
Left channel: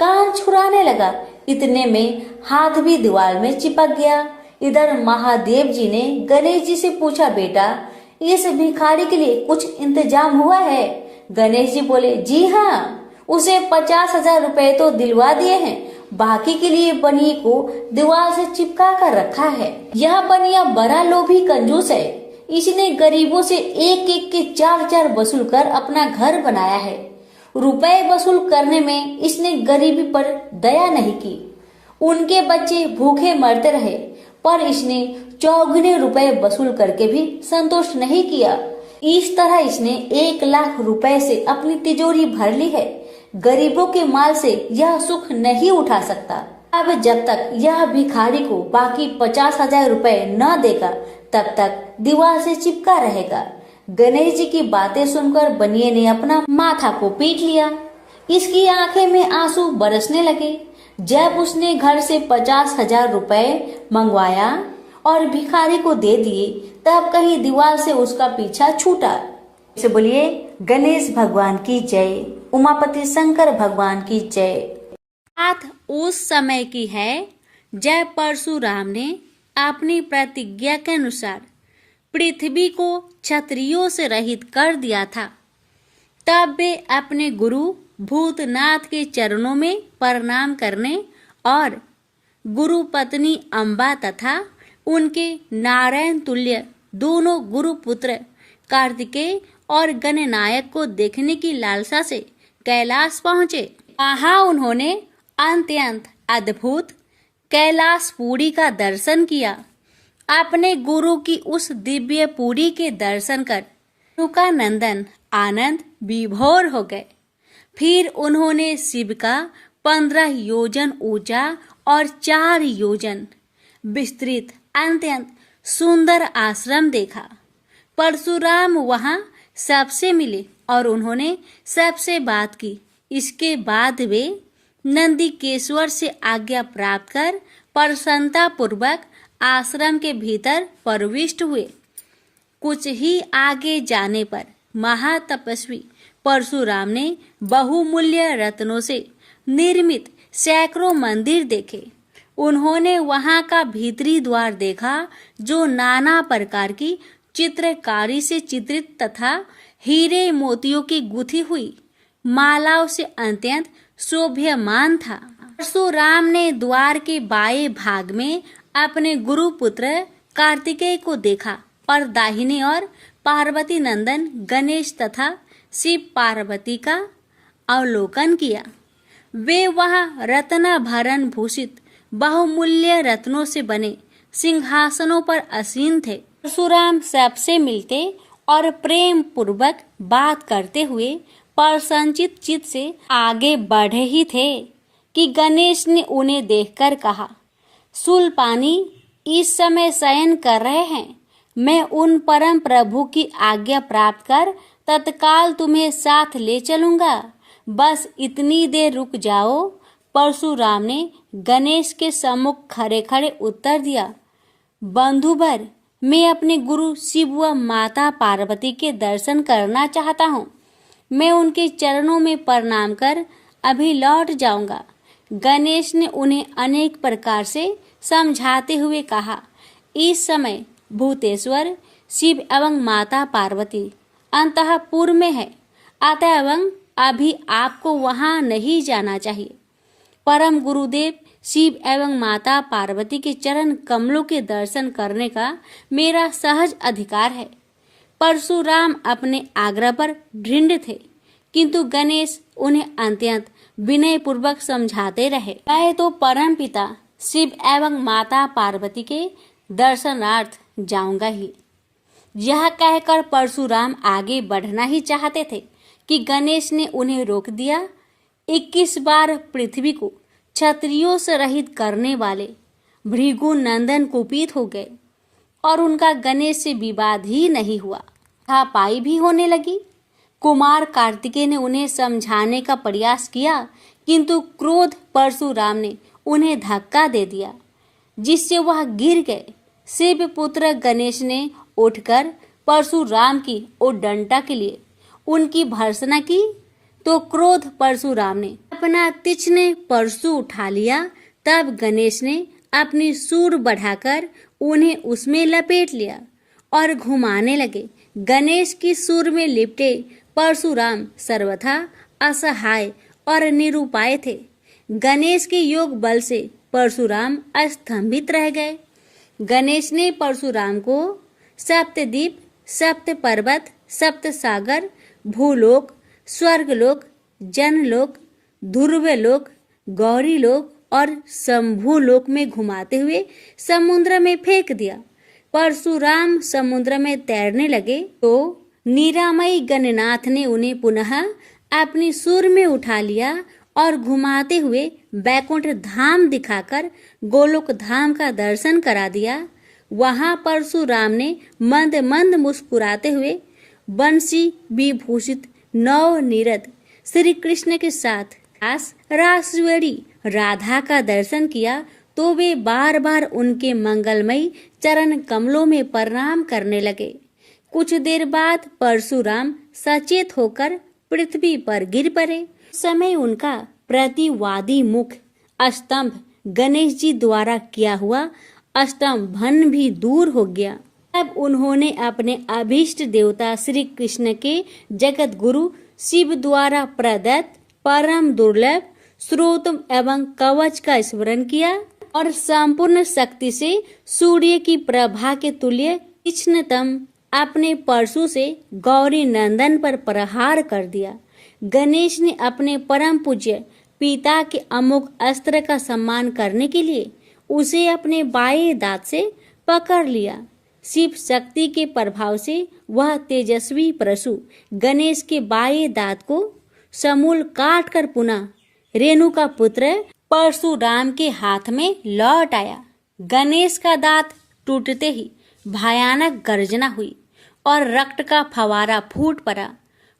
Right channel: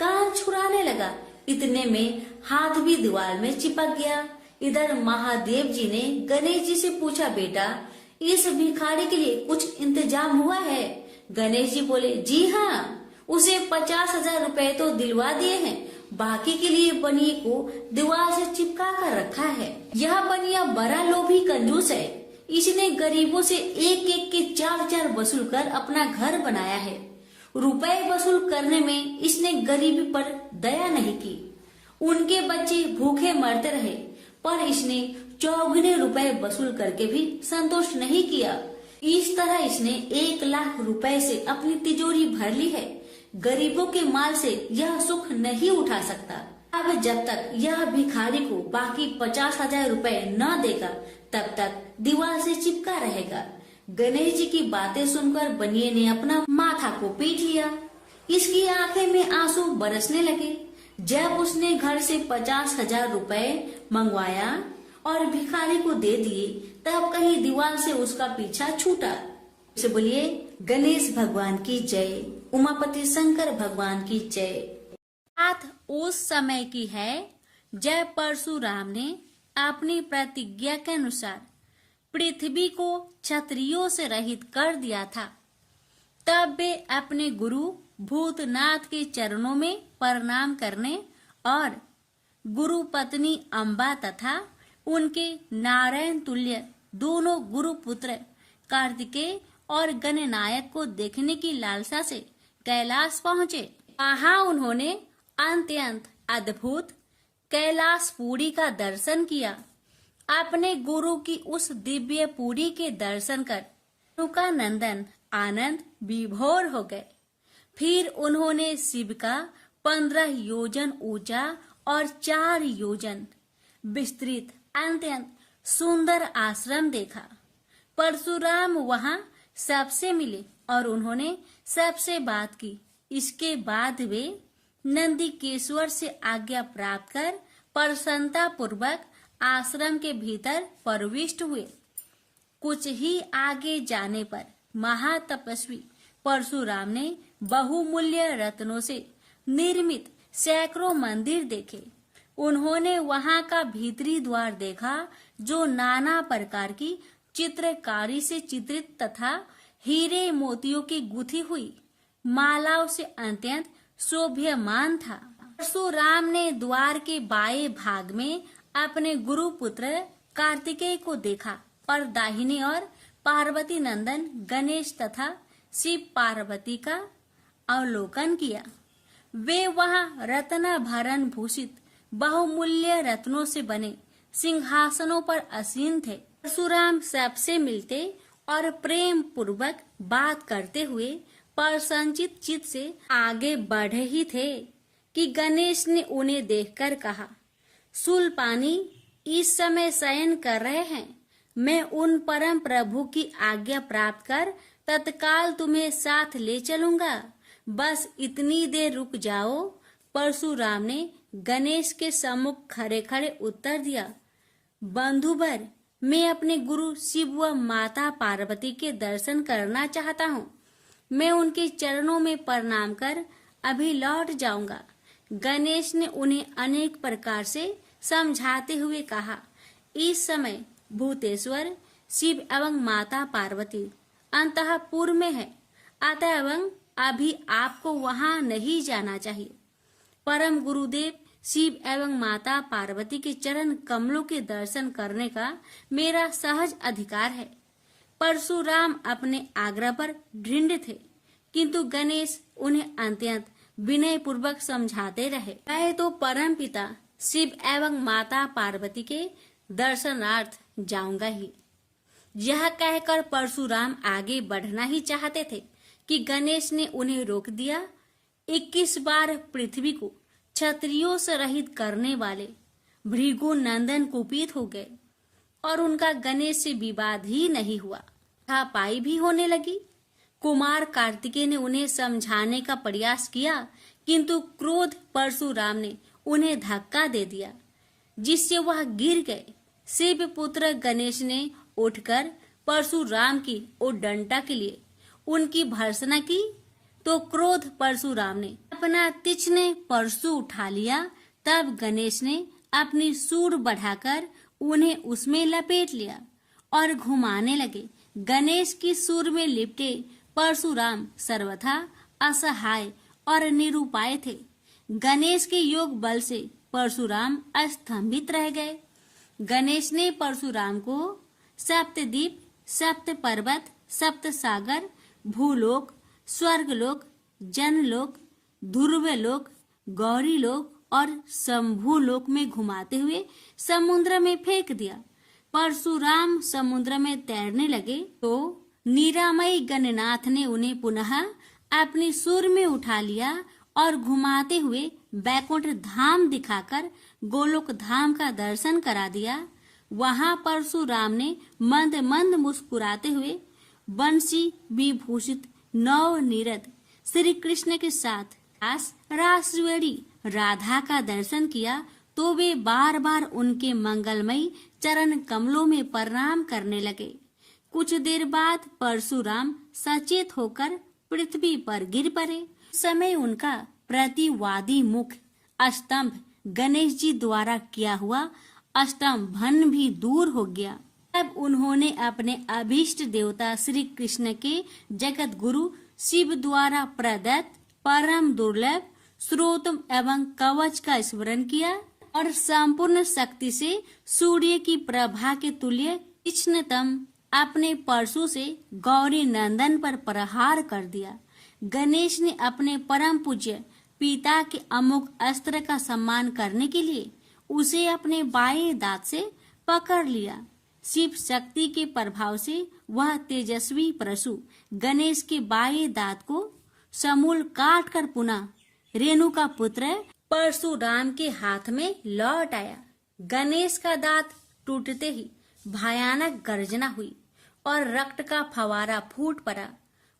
कान छुड़ाने लगा। इतने में हाथ भी दीवार में चिपक गया। इधर महादेव जी ने गणेश जी से पूछा, बेटा इस भिखारी के लिए कुछ इंतजाम हुआ है? गणेश जी बोले, जी हाँ, उसे 50,000 रुपए तो दिलवा दिए हैं, बाकी के लिए बनिए को दीवार से चिपका कर रखा है। यह बनिया बड़ा लोभी कंजूस है। इसने गरीबों से एक एक के 4-4 वसूल कर अपना घर बनाया है। रुपए वसूल करने में इसने गरीबी पर दया नहीं की। उनके बच्चे भूखे मरते रहे, पर इसने 4 रुपए वसूल करके भी संतोष नहीं किया। इस तरह इसने 1 लाख रुपए से अपनी तिजोरी भर ली है। गरीबों के माल से यह सुख नहीं उठा सकता। अब जब तक यह भिखारी को बाकी 50,000 रुपए न देगा तब तक दीवार से चिपका रहेगा। गणेश जी की बातें सुनकर बनिए ने अपना माथा को पीट लिया। इसकी आंखें में आंसू बरसने लगे। जब उसने घर से 50,000 रुपए मंगवाया और भिखारी को दे दिए, तब कहीं दीवार से उसका पीछा छूटा। से बोलिए गणेश भगवान की जय, उमापति शंकर भगवान की जय। बात उस समय की है जब परशुराम ने अपनी प्रतिज्ञा के अनुसार पृथ्वी को क्षत्रियों से रहित कर दिया था। तब वे अपने गुरु भूतनाथ के चरणों में प्रणाम करने और गुरु पत्नी अम्बा तथा उनके नारायण तुल्य दोनों गुरु पुत्र कार्तिकेय और गणनायक को देखने की लालसा से कैलाश पहुंचे। वहां उन्होंने अत्यंत अद्भुत कैलाशपुरी का दर्शन किया। अपने गुरु की उस दिव्य पुरी के दर्शन कर उनका नंदन आनंद विभोर हो गए। फिर उन्होंने शिव का 15 योजन ऊंचा और 4 योजन विस्तृत अत्यंत सुंदर आश्रम देखा। परशुराम वहां सबसे मिले और उन्होंने सबसे बात की। इसके बाद वे नंदीकेश्वर से आज्ञा प्राप्त कर प्रसन्नता पूर्वक आश्रम के भीतर प्रविष्ट हुए। कुछ ही आगे जाने पर महातपस्वी परशुराम ने बहुमूल्य रत्नों से निर्मित सैकड़ों मंदिर देखे। उन्होंने वहां का भीतरी द्वार देखा, जो नाना प्रकार की चित्रकारी से चित्रित तथा हीरे मोतियों की गुथी हुई मालाओं से अत्यंत शोभ्यमान था। परशुराम ने द्वार के बाएं भाग में अपने गुरु पुत्र कार्तिकेय को देखा, पर दाहिने ओर पार्वती नंदन गणेश तथा शिव पार्वती का अवलोकन किया। वे वहां रत्नाभरण भूषित बहुमूल्य रत्नों से बने सिंहासनों पर आसीन थे। परशुराम सबसे मिलते और प्रेम पूर्वक बात करते हुए प्रसन्नचित चित्त से आगे बढ़े ही थे कि गणेश ने उन्हें देखकर कहा, शूलपाणी इस समय शयन कर रहे हैं। मैं उन परम प्रभु की आज्ञा प्राप्त कर तत्काल तुम्हें साथ ले चलूंगा। बस इतनी देर रुक जाओ। परशुराम ने गणेश के सम्मुख खड़े खड़े उत्तर दिया, बंधुवर, मैं अपने गुरु शिव व माता पार्वती के दर्शन करना चाहता हूँ। मैं उनके चरणों में प्रणाम कर अभी लौट जाऊंगा। गणेश ने उन्हें अनेक प्रकार से समझाते हुए कहा, इस समय भूतेश्वर शिव एवं माता पार्वती अंतःपुर में है, अतएव अभी आपको वहां नहीं जाना चाहिए। परम गुरुदेव शिव एवं माता पार्वती के चरण कमलों के दर्शन करने का मेरा सहज अधिकार है। परशुराम अपने आग्रह पर दृढ़ थे, किंतु गणेश उन्हें अत्यंत विनय पूर्वक समझाते रहे। मैं तो परम पिता शिव एवं माता पार्वती के दर्शनार्थ जाऊंगा ही। यह कहकर परशुराम आगे बढ़ना ही चाहते थे कि गणेश ने उन्हें रोक दिया। 21 बार पृथ्वी को क्षत्रियों से रहित करने वाले भृगु नंदन कुपित हो गए और उनका गणेश से विवाद ही नहीं हुआ, हाथापाई भी होने लगी। कुमार कार्तिकेय ने उन्हें समझाने का प्रयास किया, किंतु क्रोध परशुराम ने उन्हें धक्का दे दिया, जिससे वह गिर गए। शिव पुत्र गणेश ने उठकर परशुराम की उद्दंडता के लिए उनकी भर्त्सना की, तो क्रोध परशुराम ने अपना तीक्ष्ण परशु उठा लिया। तब गणेश ने अपनी सूंड बढ़ाकर उन्हें उसमें लपेट लिया और घुमाने लगे। गणेश की सूंड में लिपटे परशुराम सर्वथा असहाय और निरुपाय थे। गणेश के योग बल से परशुराम स्तंभित रह गए। गणेश ने परशुराम को सप्तद्वीप, सप्त पर्वत, सप्त सागर, भूलोक, स्वर्गलोक, जनलोक, ध्रुवलोक, गौरीलोक और शंभुलोक में घुमाते हुए समुद्र में फेंक दिया। परशुराम समुद्र में तैरने लगे तो निरामयी गणनाथ ने उन्हें पुनः अपनी सूंड में उठा लिया और घुमाते हुए बैकुंठ धाम दिखाकर गोलोक धाम का दर्शन करा दिया। वहां परशुराम ने मंद मंद मुस्कुराते हुए बंसी विभूषित नव नीरद श्री कृष्ण के साथ रासवेड़ी राधा का दर्शन किया, तो वे बार बार उनके मंगलमयी चरण कमलों में प्रणाम करने लगे। कुछ देर बाद परशुराम सचेत होकर पृथ्वी पर गिर पड़े। समय उनका प्रतिवादी मुख स्तंभ गणेश जी द्वारा किया हुआ स्तंभन भी दूर हो गया। तब उन्होंने अपने अभीष्ट देवता श्री कृष्ण के जगत गुरु शिव द्वारा प्रदत्त परम दुर्लभ स्रोत एवं कवच का स्मरण किया और संपूर्ण शक्ति से सूर्य की प्रभा के तुल्य तीक्ष्णतम अपने परशु से गौरी नंदन पर प्रहार कर दिया। गणेश ने अपने परम पूज्य पिता के अमोघ अस्त्र का सम्मान करने के लिए उसे अपने बाएं दांत से पकड़ लिया। शिव शक्ति के प्रभाव से वह तेजस्वी परशु गणेश के बाएं दांत को समूल काट कर पुनः रेणु का पुत्र परशुराम के हाथ में लौट आया। गणेश का दांत टूटते ही भयानक गर्जना हुई और रक्त का फवारा फूट पड़ा।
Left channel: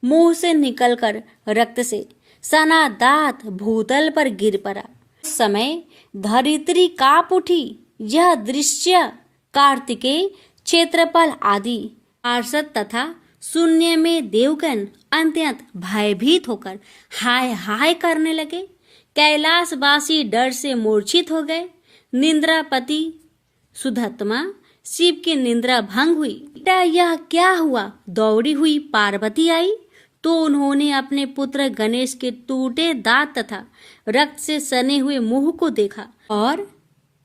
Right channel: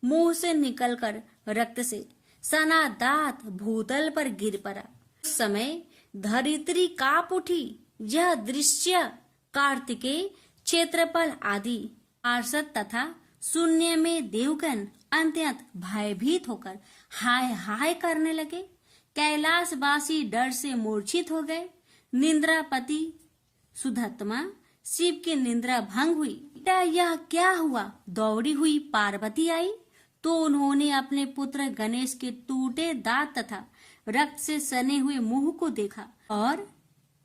मुंह से निकलकर रक्त से सना दांत भूतल पर गिर पड़ा। उस समय धरित्री कांप उठी। यह दृश्य कार्तिकेय, क्षेत्रपाल आदि पार्षद तथा शून्य में देवगण अत्यंत भयभीत होकर हाय हाय करने लगे। कैलाशवासी डर से मूर्छित हो गए। निंद्रापति सुधत्मा शिव की निंद्रा भंग हुई। बेटा यह क्या हुआ? दौड़ी हुई पार्वती आई तो उन्होंने अपने पुत्र गणेश के टूटे दांत तथा रक्त से सने हुए मुंह को देखा और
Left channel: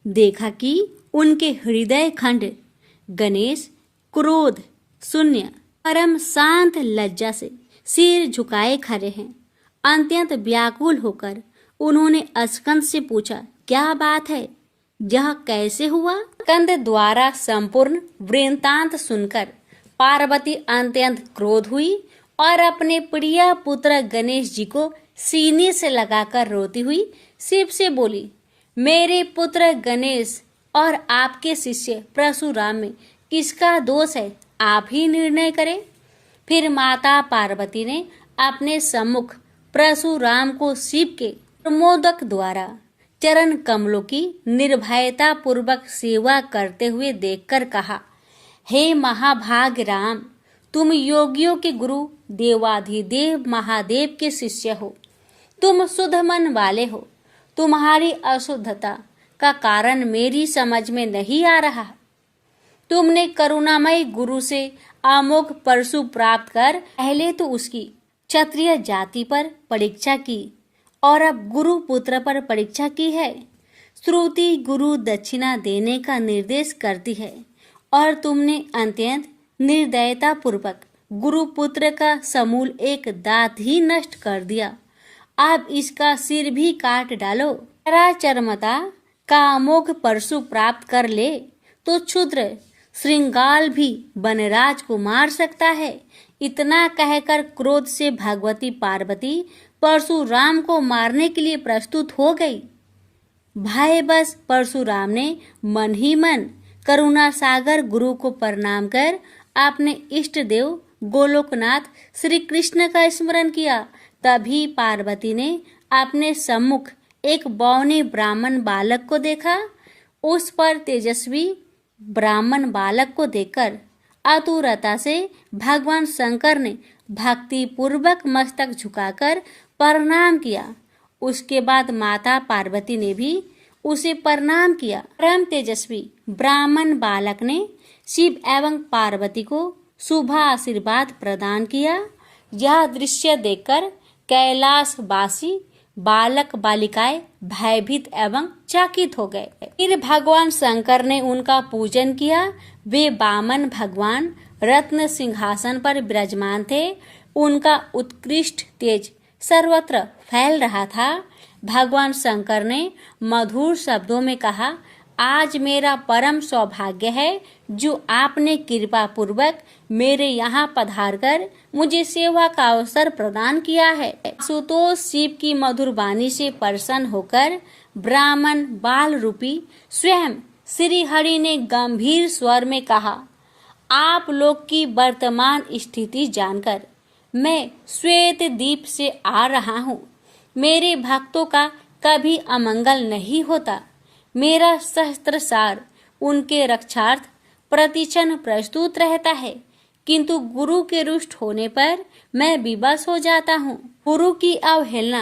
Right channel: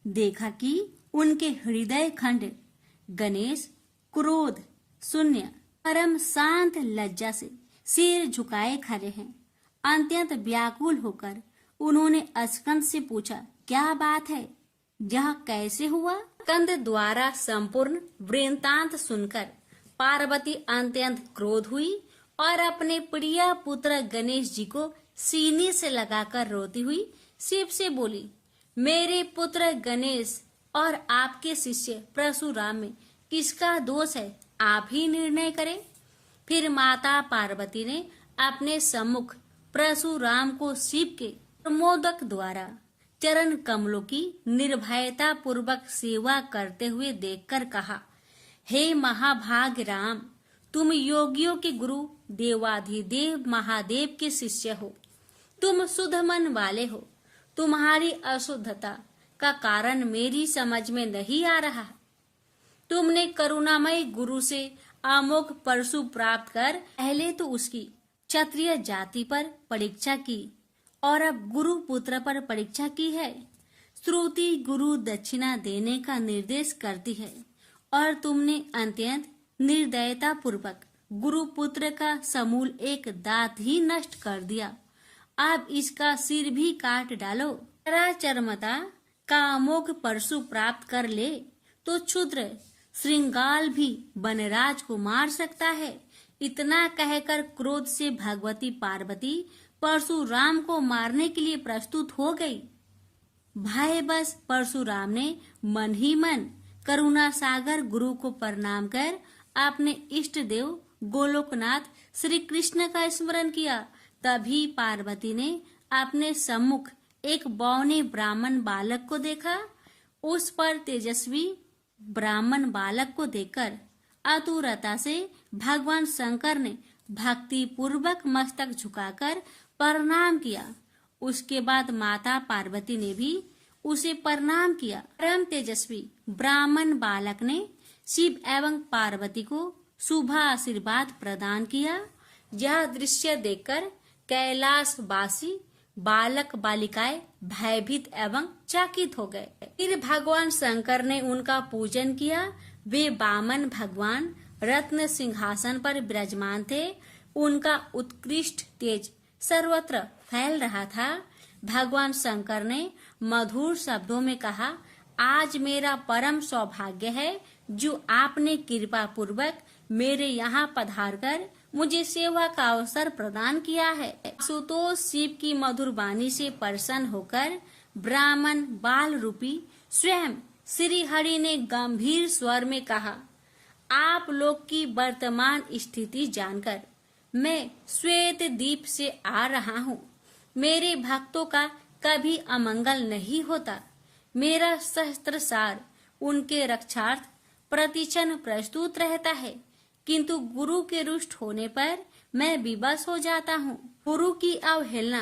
देखा कि उनके हृदय खंड गणेश क्रोध शून्य परम शांत लज्जा से सिर झुकाए खड़े हैं। अत्यंत व्याकुल होकर उन्होंने स्कंद से पूछा, क्या बात है, यह कैसे हुआ? स्कंद द्वारा संपूर्ण वृत्तांत सुनकर पार्वती अत्यंत क्रोध हुई और अपने प्रिय पुत्र गणेश जी को सीने से लगाकर रोती हुई शिव से बोली, मेरे पुत्र गणेश और आपके शिष्य परशुराम में किसका दोष है, आप ही निर्णय करें। फिर माता पार्वती ने अपने सम्मुख परशुराम को शिव के प्रमोदक द्वारा चरण कमलों की निर्भयता पूर्वक सेवा करते हुए देखकर कहा, हे महाभाग राम, तुम योगियों के गुरु देवाधिदेव महादेव के शिष्य हो। तुम शुद्ध मन वाले हो। तुम्हारी अशुद्धता का कारण मेरी समझ में नहीं आ रहा। तुमने करुणामय गुरु से अमोघ परशु प्राप्त कर पहले तो उसकी क्षत्रिय जाति पर परीक्षा की और अब गुरु पुत्र पर परीक्षा की है। श्रुति गुरु दक्षिणा देने का निर्देश करती है और तुमने अत्यंत निर्दयता पूर्वक गुरु पुत्र का समूल एक दांत ही नष्ट कर दिया। अब इसका सिर भी काट डालो। चरमता का अमोघ परशु प्राप्त कर ले तो क्षुद्र श्रृंगाल भी वनराज को मार सकता है। इतना कहकर क्रोध से भगवती पार्वती परशुराम को मारने के लिए प्रस्तुत हो गई। भय बस परशुराम ने मन ही मन करुणा सागर गुरु को प्रणाम कर अपने इष्ट देव गोलोकनाथ श्री कृष्ण का स्मरण किया। तभी पार्वती ने अपने सम्मुख एक बौने ब्राह्मण बालक को देखा। उस पर तेजस्वी ब्राह्मण बालक को देखकर आतुरता से भगवान शंकर ने भक्ति पूर्वक मस्तक झुकाकर प्रणाम किया। उसके बाद माता पार्वती ने भी उसे प्रणाम किया। परम तेजस्वी ब्राह्मण बालक ने शिव एवं पार्वती को शुभ आशीर्वाद प्रदान किया। यह दृश्य देखकर कैलाशवासी बालक बालिकाएं भयभीत एवं चकित हो गए। फिर भगवान शंकर ने उनका पूजन किया। वे वामन भगवान रत्न सिंहासन पर विराजमान थे। उनका उत्कृष्ट तेज सर्वत्र फैल रहा था। भगवान शंकर ने मधुर शब्दों में कहा, आज मेरा परम सौभाग्य है जो आपने कृपा पूर्वक मेरे यहाँ पधार कर मुझे सेवा का अवसर प्रदान किया है। सुतोष शिव की मधुर वाणी से प्रसन्न होकर ब्राह्मण बाल रूपी स्वयं श्री हरि ने गंभीर स्वर में कहा, आप लोग की वर्तमान स्थिति जानकर मैं श्वेत द्वीप से आ रहा हूँ। मेरे भक्तों का कभी अमंगल नहीं होता। मेरा सहस्त्रसार उनके रक्षार्थ प्रतिक्षण प्रस्तुत रहता है, किंतु गुरु के रुष्ट होने पर मैं विवश हो जाता हूँ। गुरु की अवहेलना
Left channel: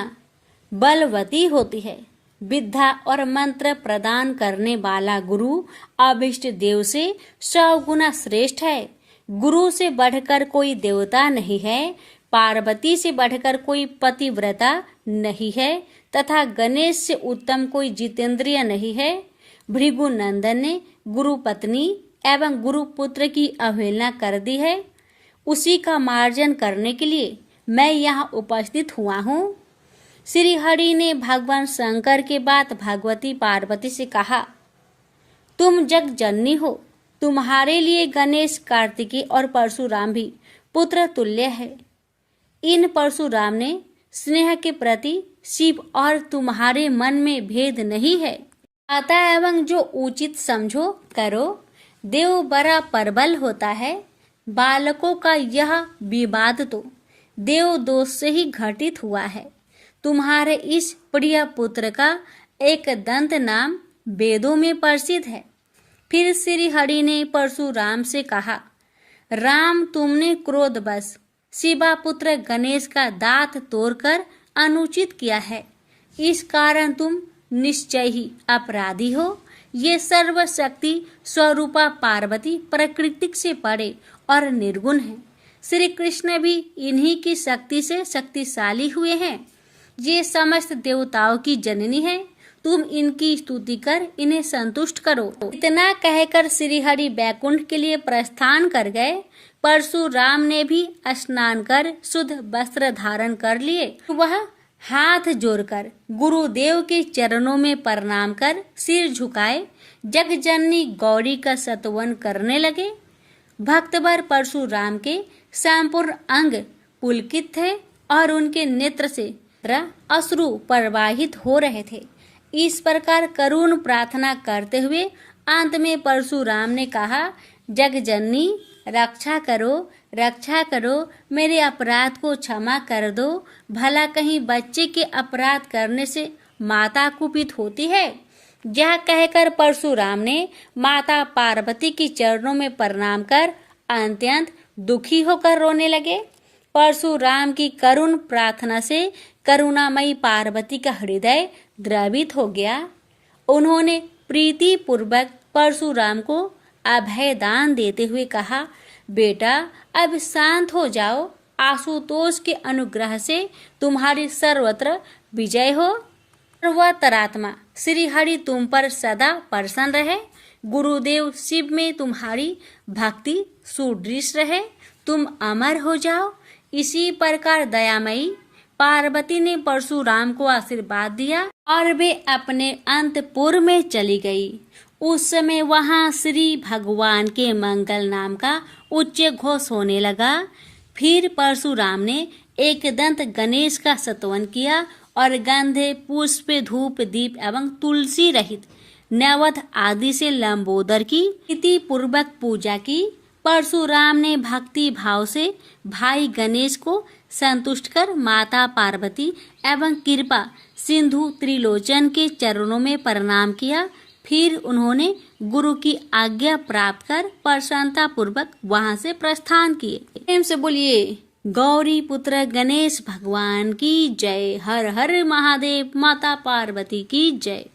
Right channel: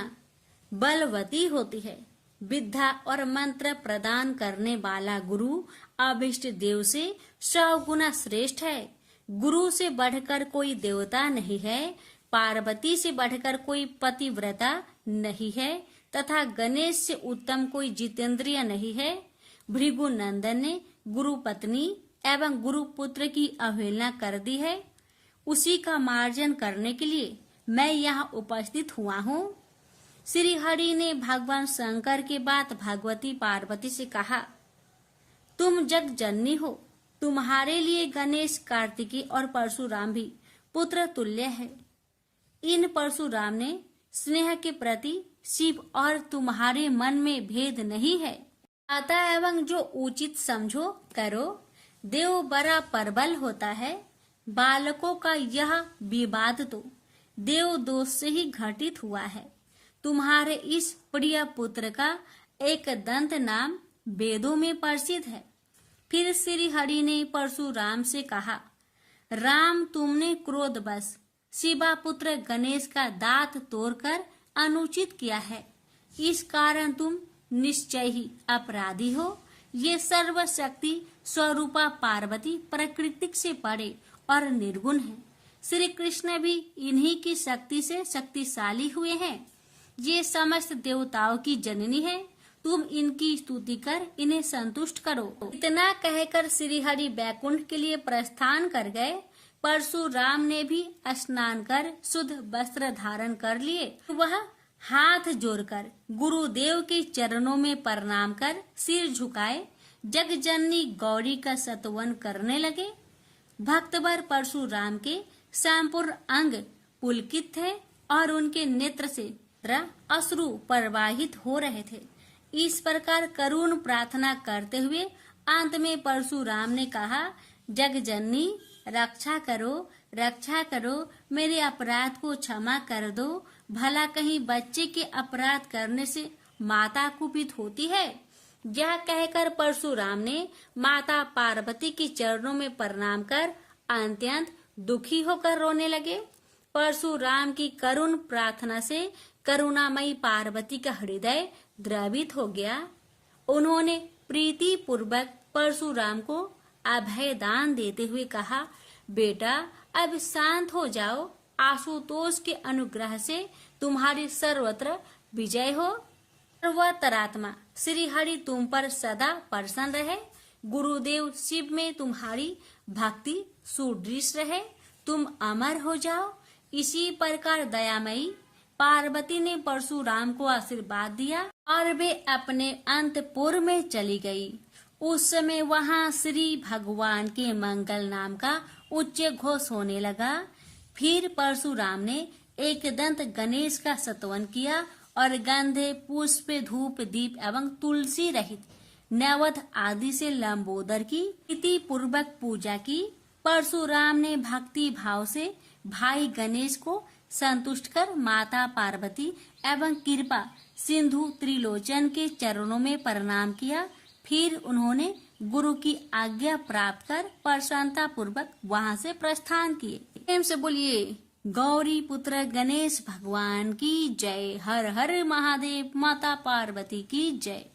बलवती होती है। विद्या और मंत्र प्रदान करने वाला गुरु अभिष्ट देव से 100 गुना श्रेष्ठ है। गुरु से बढ़कर कोई देवता नहीं है, पार्वती से बढ़कर कोई पतिव्रता नहीं है तथा गणेश से उत्तम कोई जितेंद्रिय नहीं है। भृगु नंदन ने गुरु पत्नी एवं गुरु पुत्र की अवहेलना कर दी है। उसी का मार्जन करने के लिए मैं यहाँ उपस्थित हुआ हूँ। श्री हरि ने भगवान शंकर के बाद भगवती पार्वती से कहा, तुम जग जननी हो। तुम्हारे लिए गणेश, कार्तिकेय और परशुराम भी पुत्र तुल्य है। इन परशुराम ने स्नेह के प्रति शिव और तुम्हारे मन में भेद नहीं है। आता एवं जो उचित समझो करो। देव बड़ा प्रबल होता है। बालकों का यह विवाद तो देव दोष से ही घटित हुआ है। तुम्हारे इस प्रिय पुत्र का एक दंत नाम वेदों में प्रसिद्ध है। फिर श्री हरि ने परशुराम से कहा, राम, तुमने क्रोधवश शिवा पुत्र गणेश का दांत तोड़कर अनुचित किया है। इस कारण तुम निश्चय ही अपराधी हो। ये सर्वशक्ति स्वरूपा पार्वती प्रकृति से परे और निर्गुण है। श्री कृष्ण भी इन्हीं की शक्ति से शक्तिशाली हुए हैं। ये समस्त देवताओं की जननी है। तुम इनकी स्तुति कर इन्हें संतुष्ट करो। इतना कहकर श्री हरि बैकुंठ के लिए प्रस्थान कर गए। परशुराम ने भी स्नान कर शुद्ध वस्त्र धारण कर लिए। वह हाथ जोड़कर गुरुदेव के चरणों में प्रणाम कर सिर झुकाए जगजननी गौरी का स्तवन करने लगे। भक्तवर परशुराम के संपूर्ण अंग पुलकित थे और उनके नेत्र से अश्रु प्रवाहित हो रहे थे। इस प्रकार करुण प्रार्थना करते हुए अंत में परशुराम ने कहा, जगजननी रक्षा करो, मेरे अपराध को क्षमा कर दो। भला कहीं बच्चे के अपराध करने से माता कुपित होती है। यह कहकर परशुराम ने माता पार्वती के चरणों में प्रणाम कर अत्यंत दुखी होकर रोने लगे। परशुराम की करुण प्रार्थना से करुणामयी पार्वती का हृदय द्रवित हो गया। उन्होंने प्रीति पूर्वक परशुराम को अभय दान देते हुए कहा, बेटा अब शांत हो जाओ। आशुतोष के अनुग्रह से तुम्हारी सर्वत्र विजय हो। सर्वतरात्मा श्री हरि तुम पर सदा प्रसन्न रहे। गुरुदेव शिव में तुम्हारी भक्ति सुदृढ़ रहे। तुम अमर हो जाओ। इसी प्रकार दयामयी पार्वती ने परशुराम को आशीर्वाद दिया और वे अपने अंतपुर में चली गई। उस समय वहां श्री भगवान के मंगल नाम का उच्च घोष होने लगा। फिर परशुराम ने एक दंत गणेश का स्तवन किया और गंधे, पुष्प, धूप, दीप एवं तुलसी रहित नैवेद्य आदि से लंबोदर की प्रीति पूर्वक पूजा की। परशुराम ने भक्ति भाव से भाई गणेश को संतुष्ट कर माता पार्वती एवं कृपा सिंधु त्रिलोचन के चरणों में प्रणाम किया। फिर उन्होंने गुरु की आज्ञा प्राप्त कर प्रसन्नता पूर्वक वहां से प्रस्थान किए। प्रेम से बोलिए गौरी पुत्र गणेश भगवान की जय। हर हर महादेव। माता पार्वती की जय।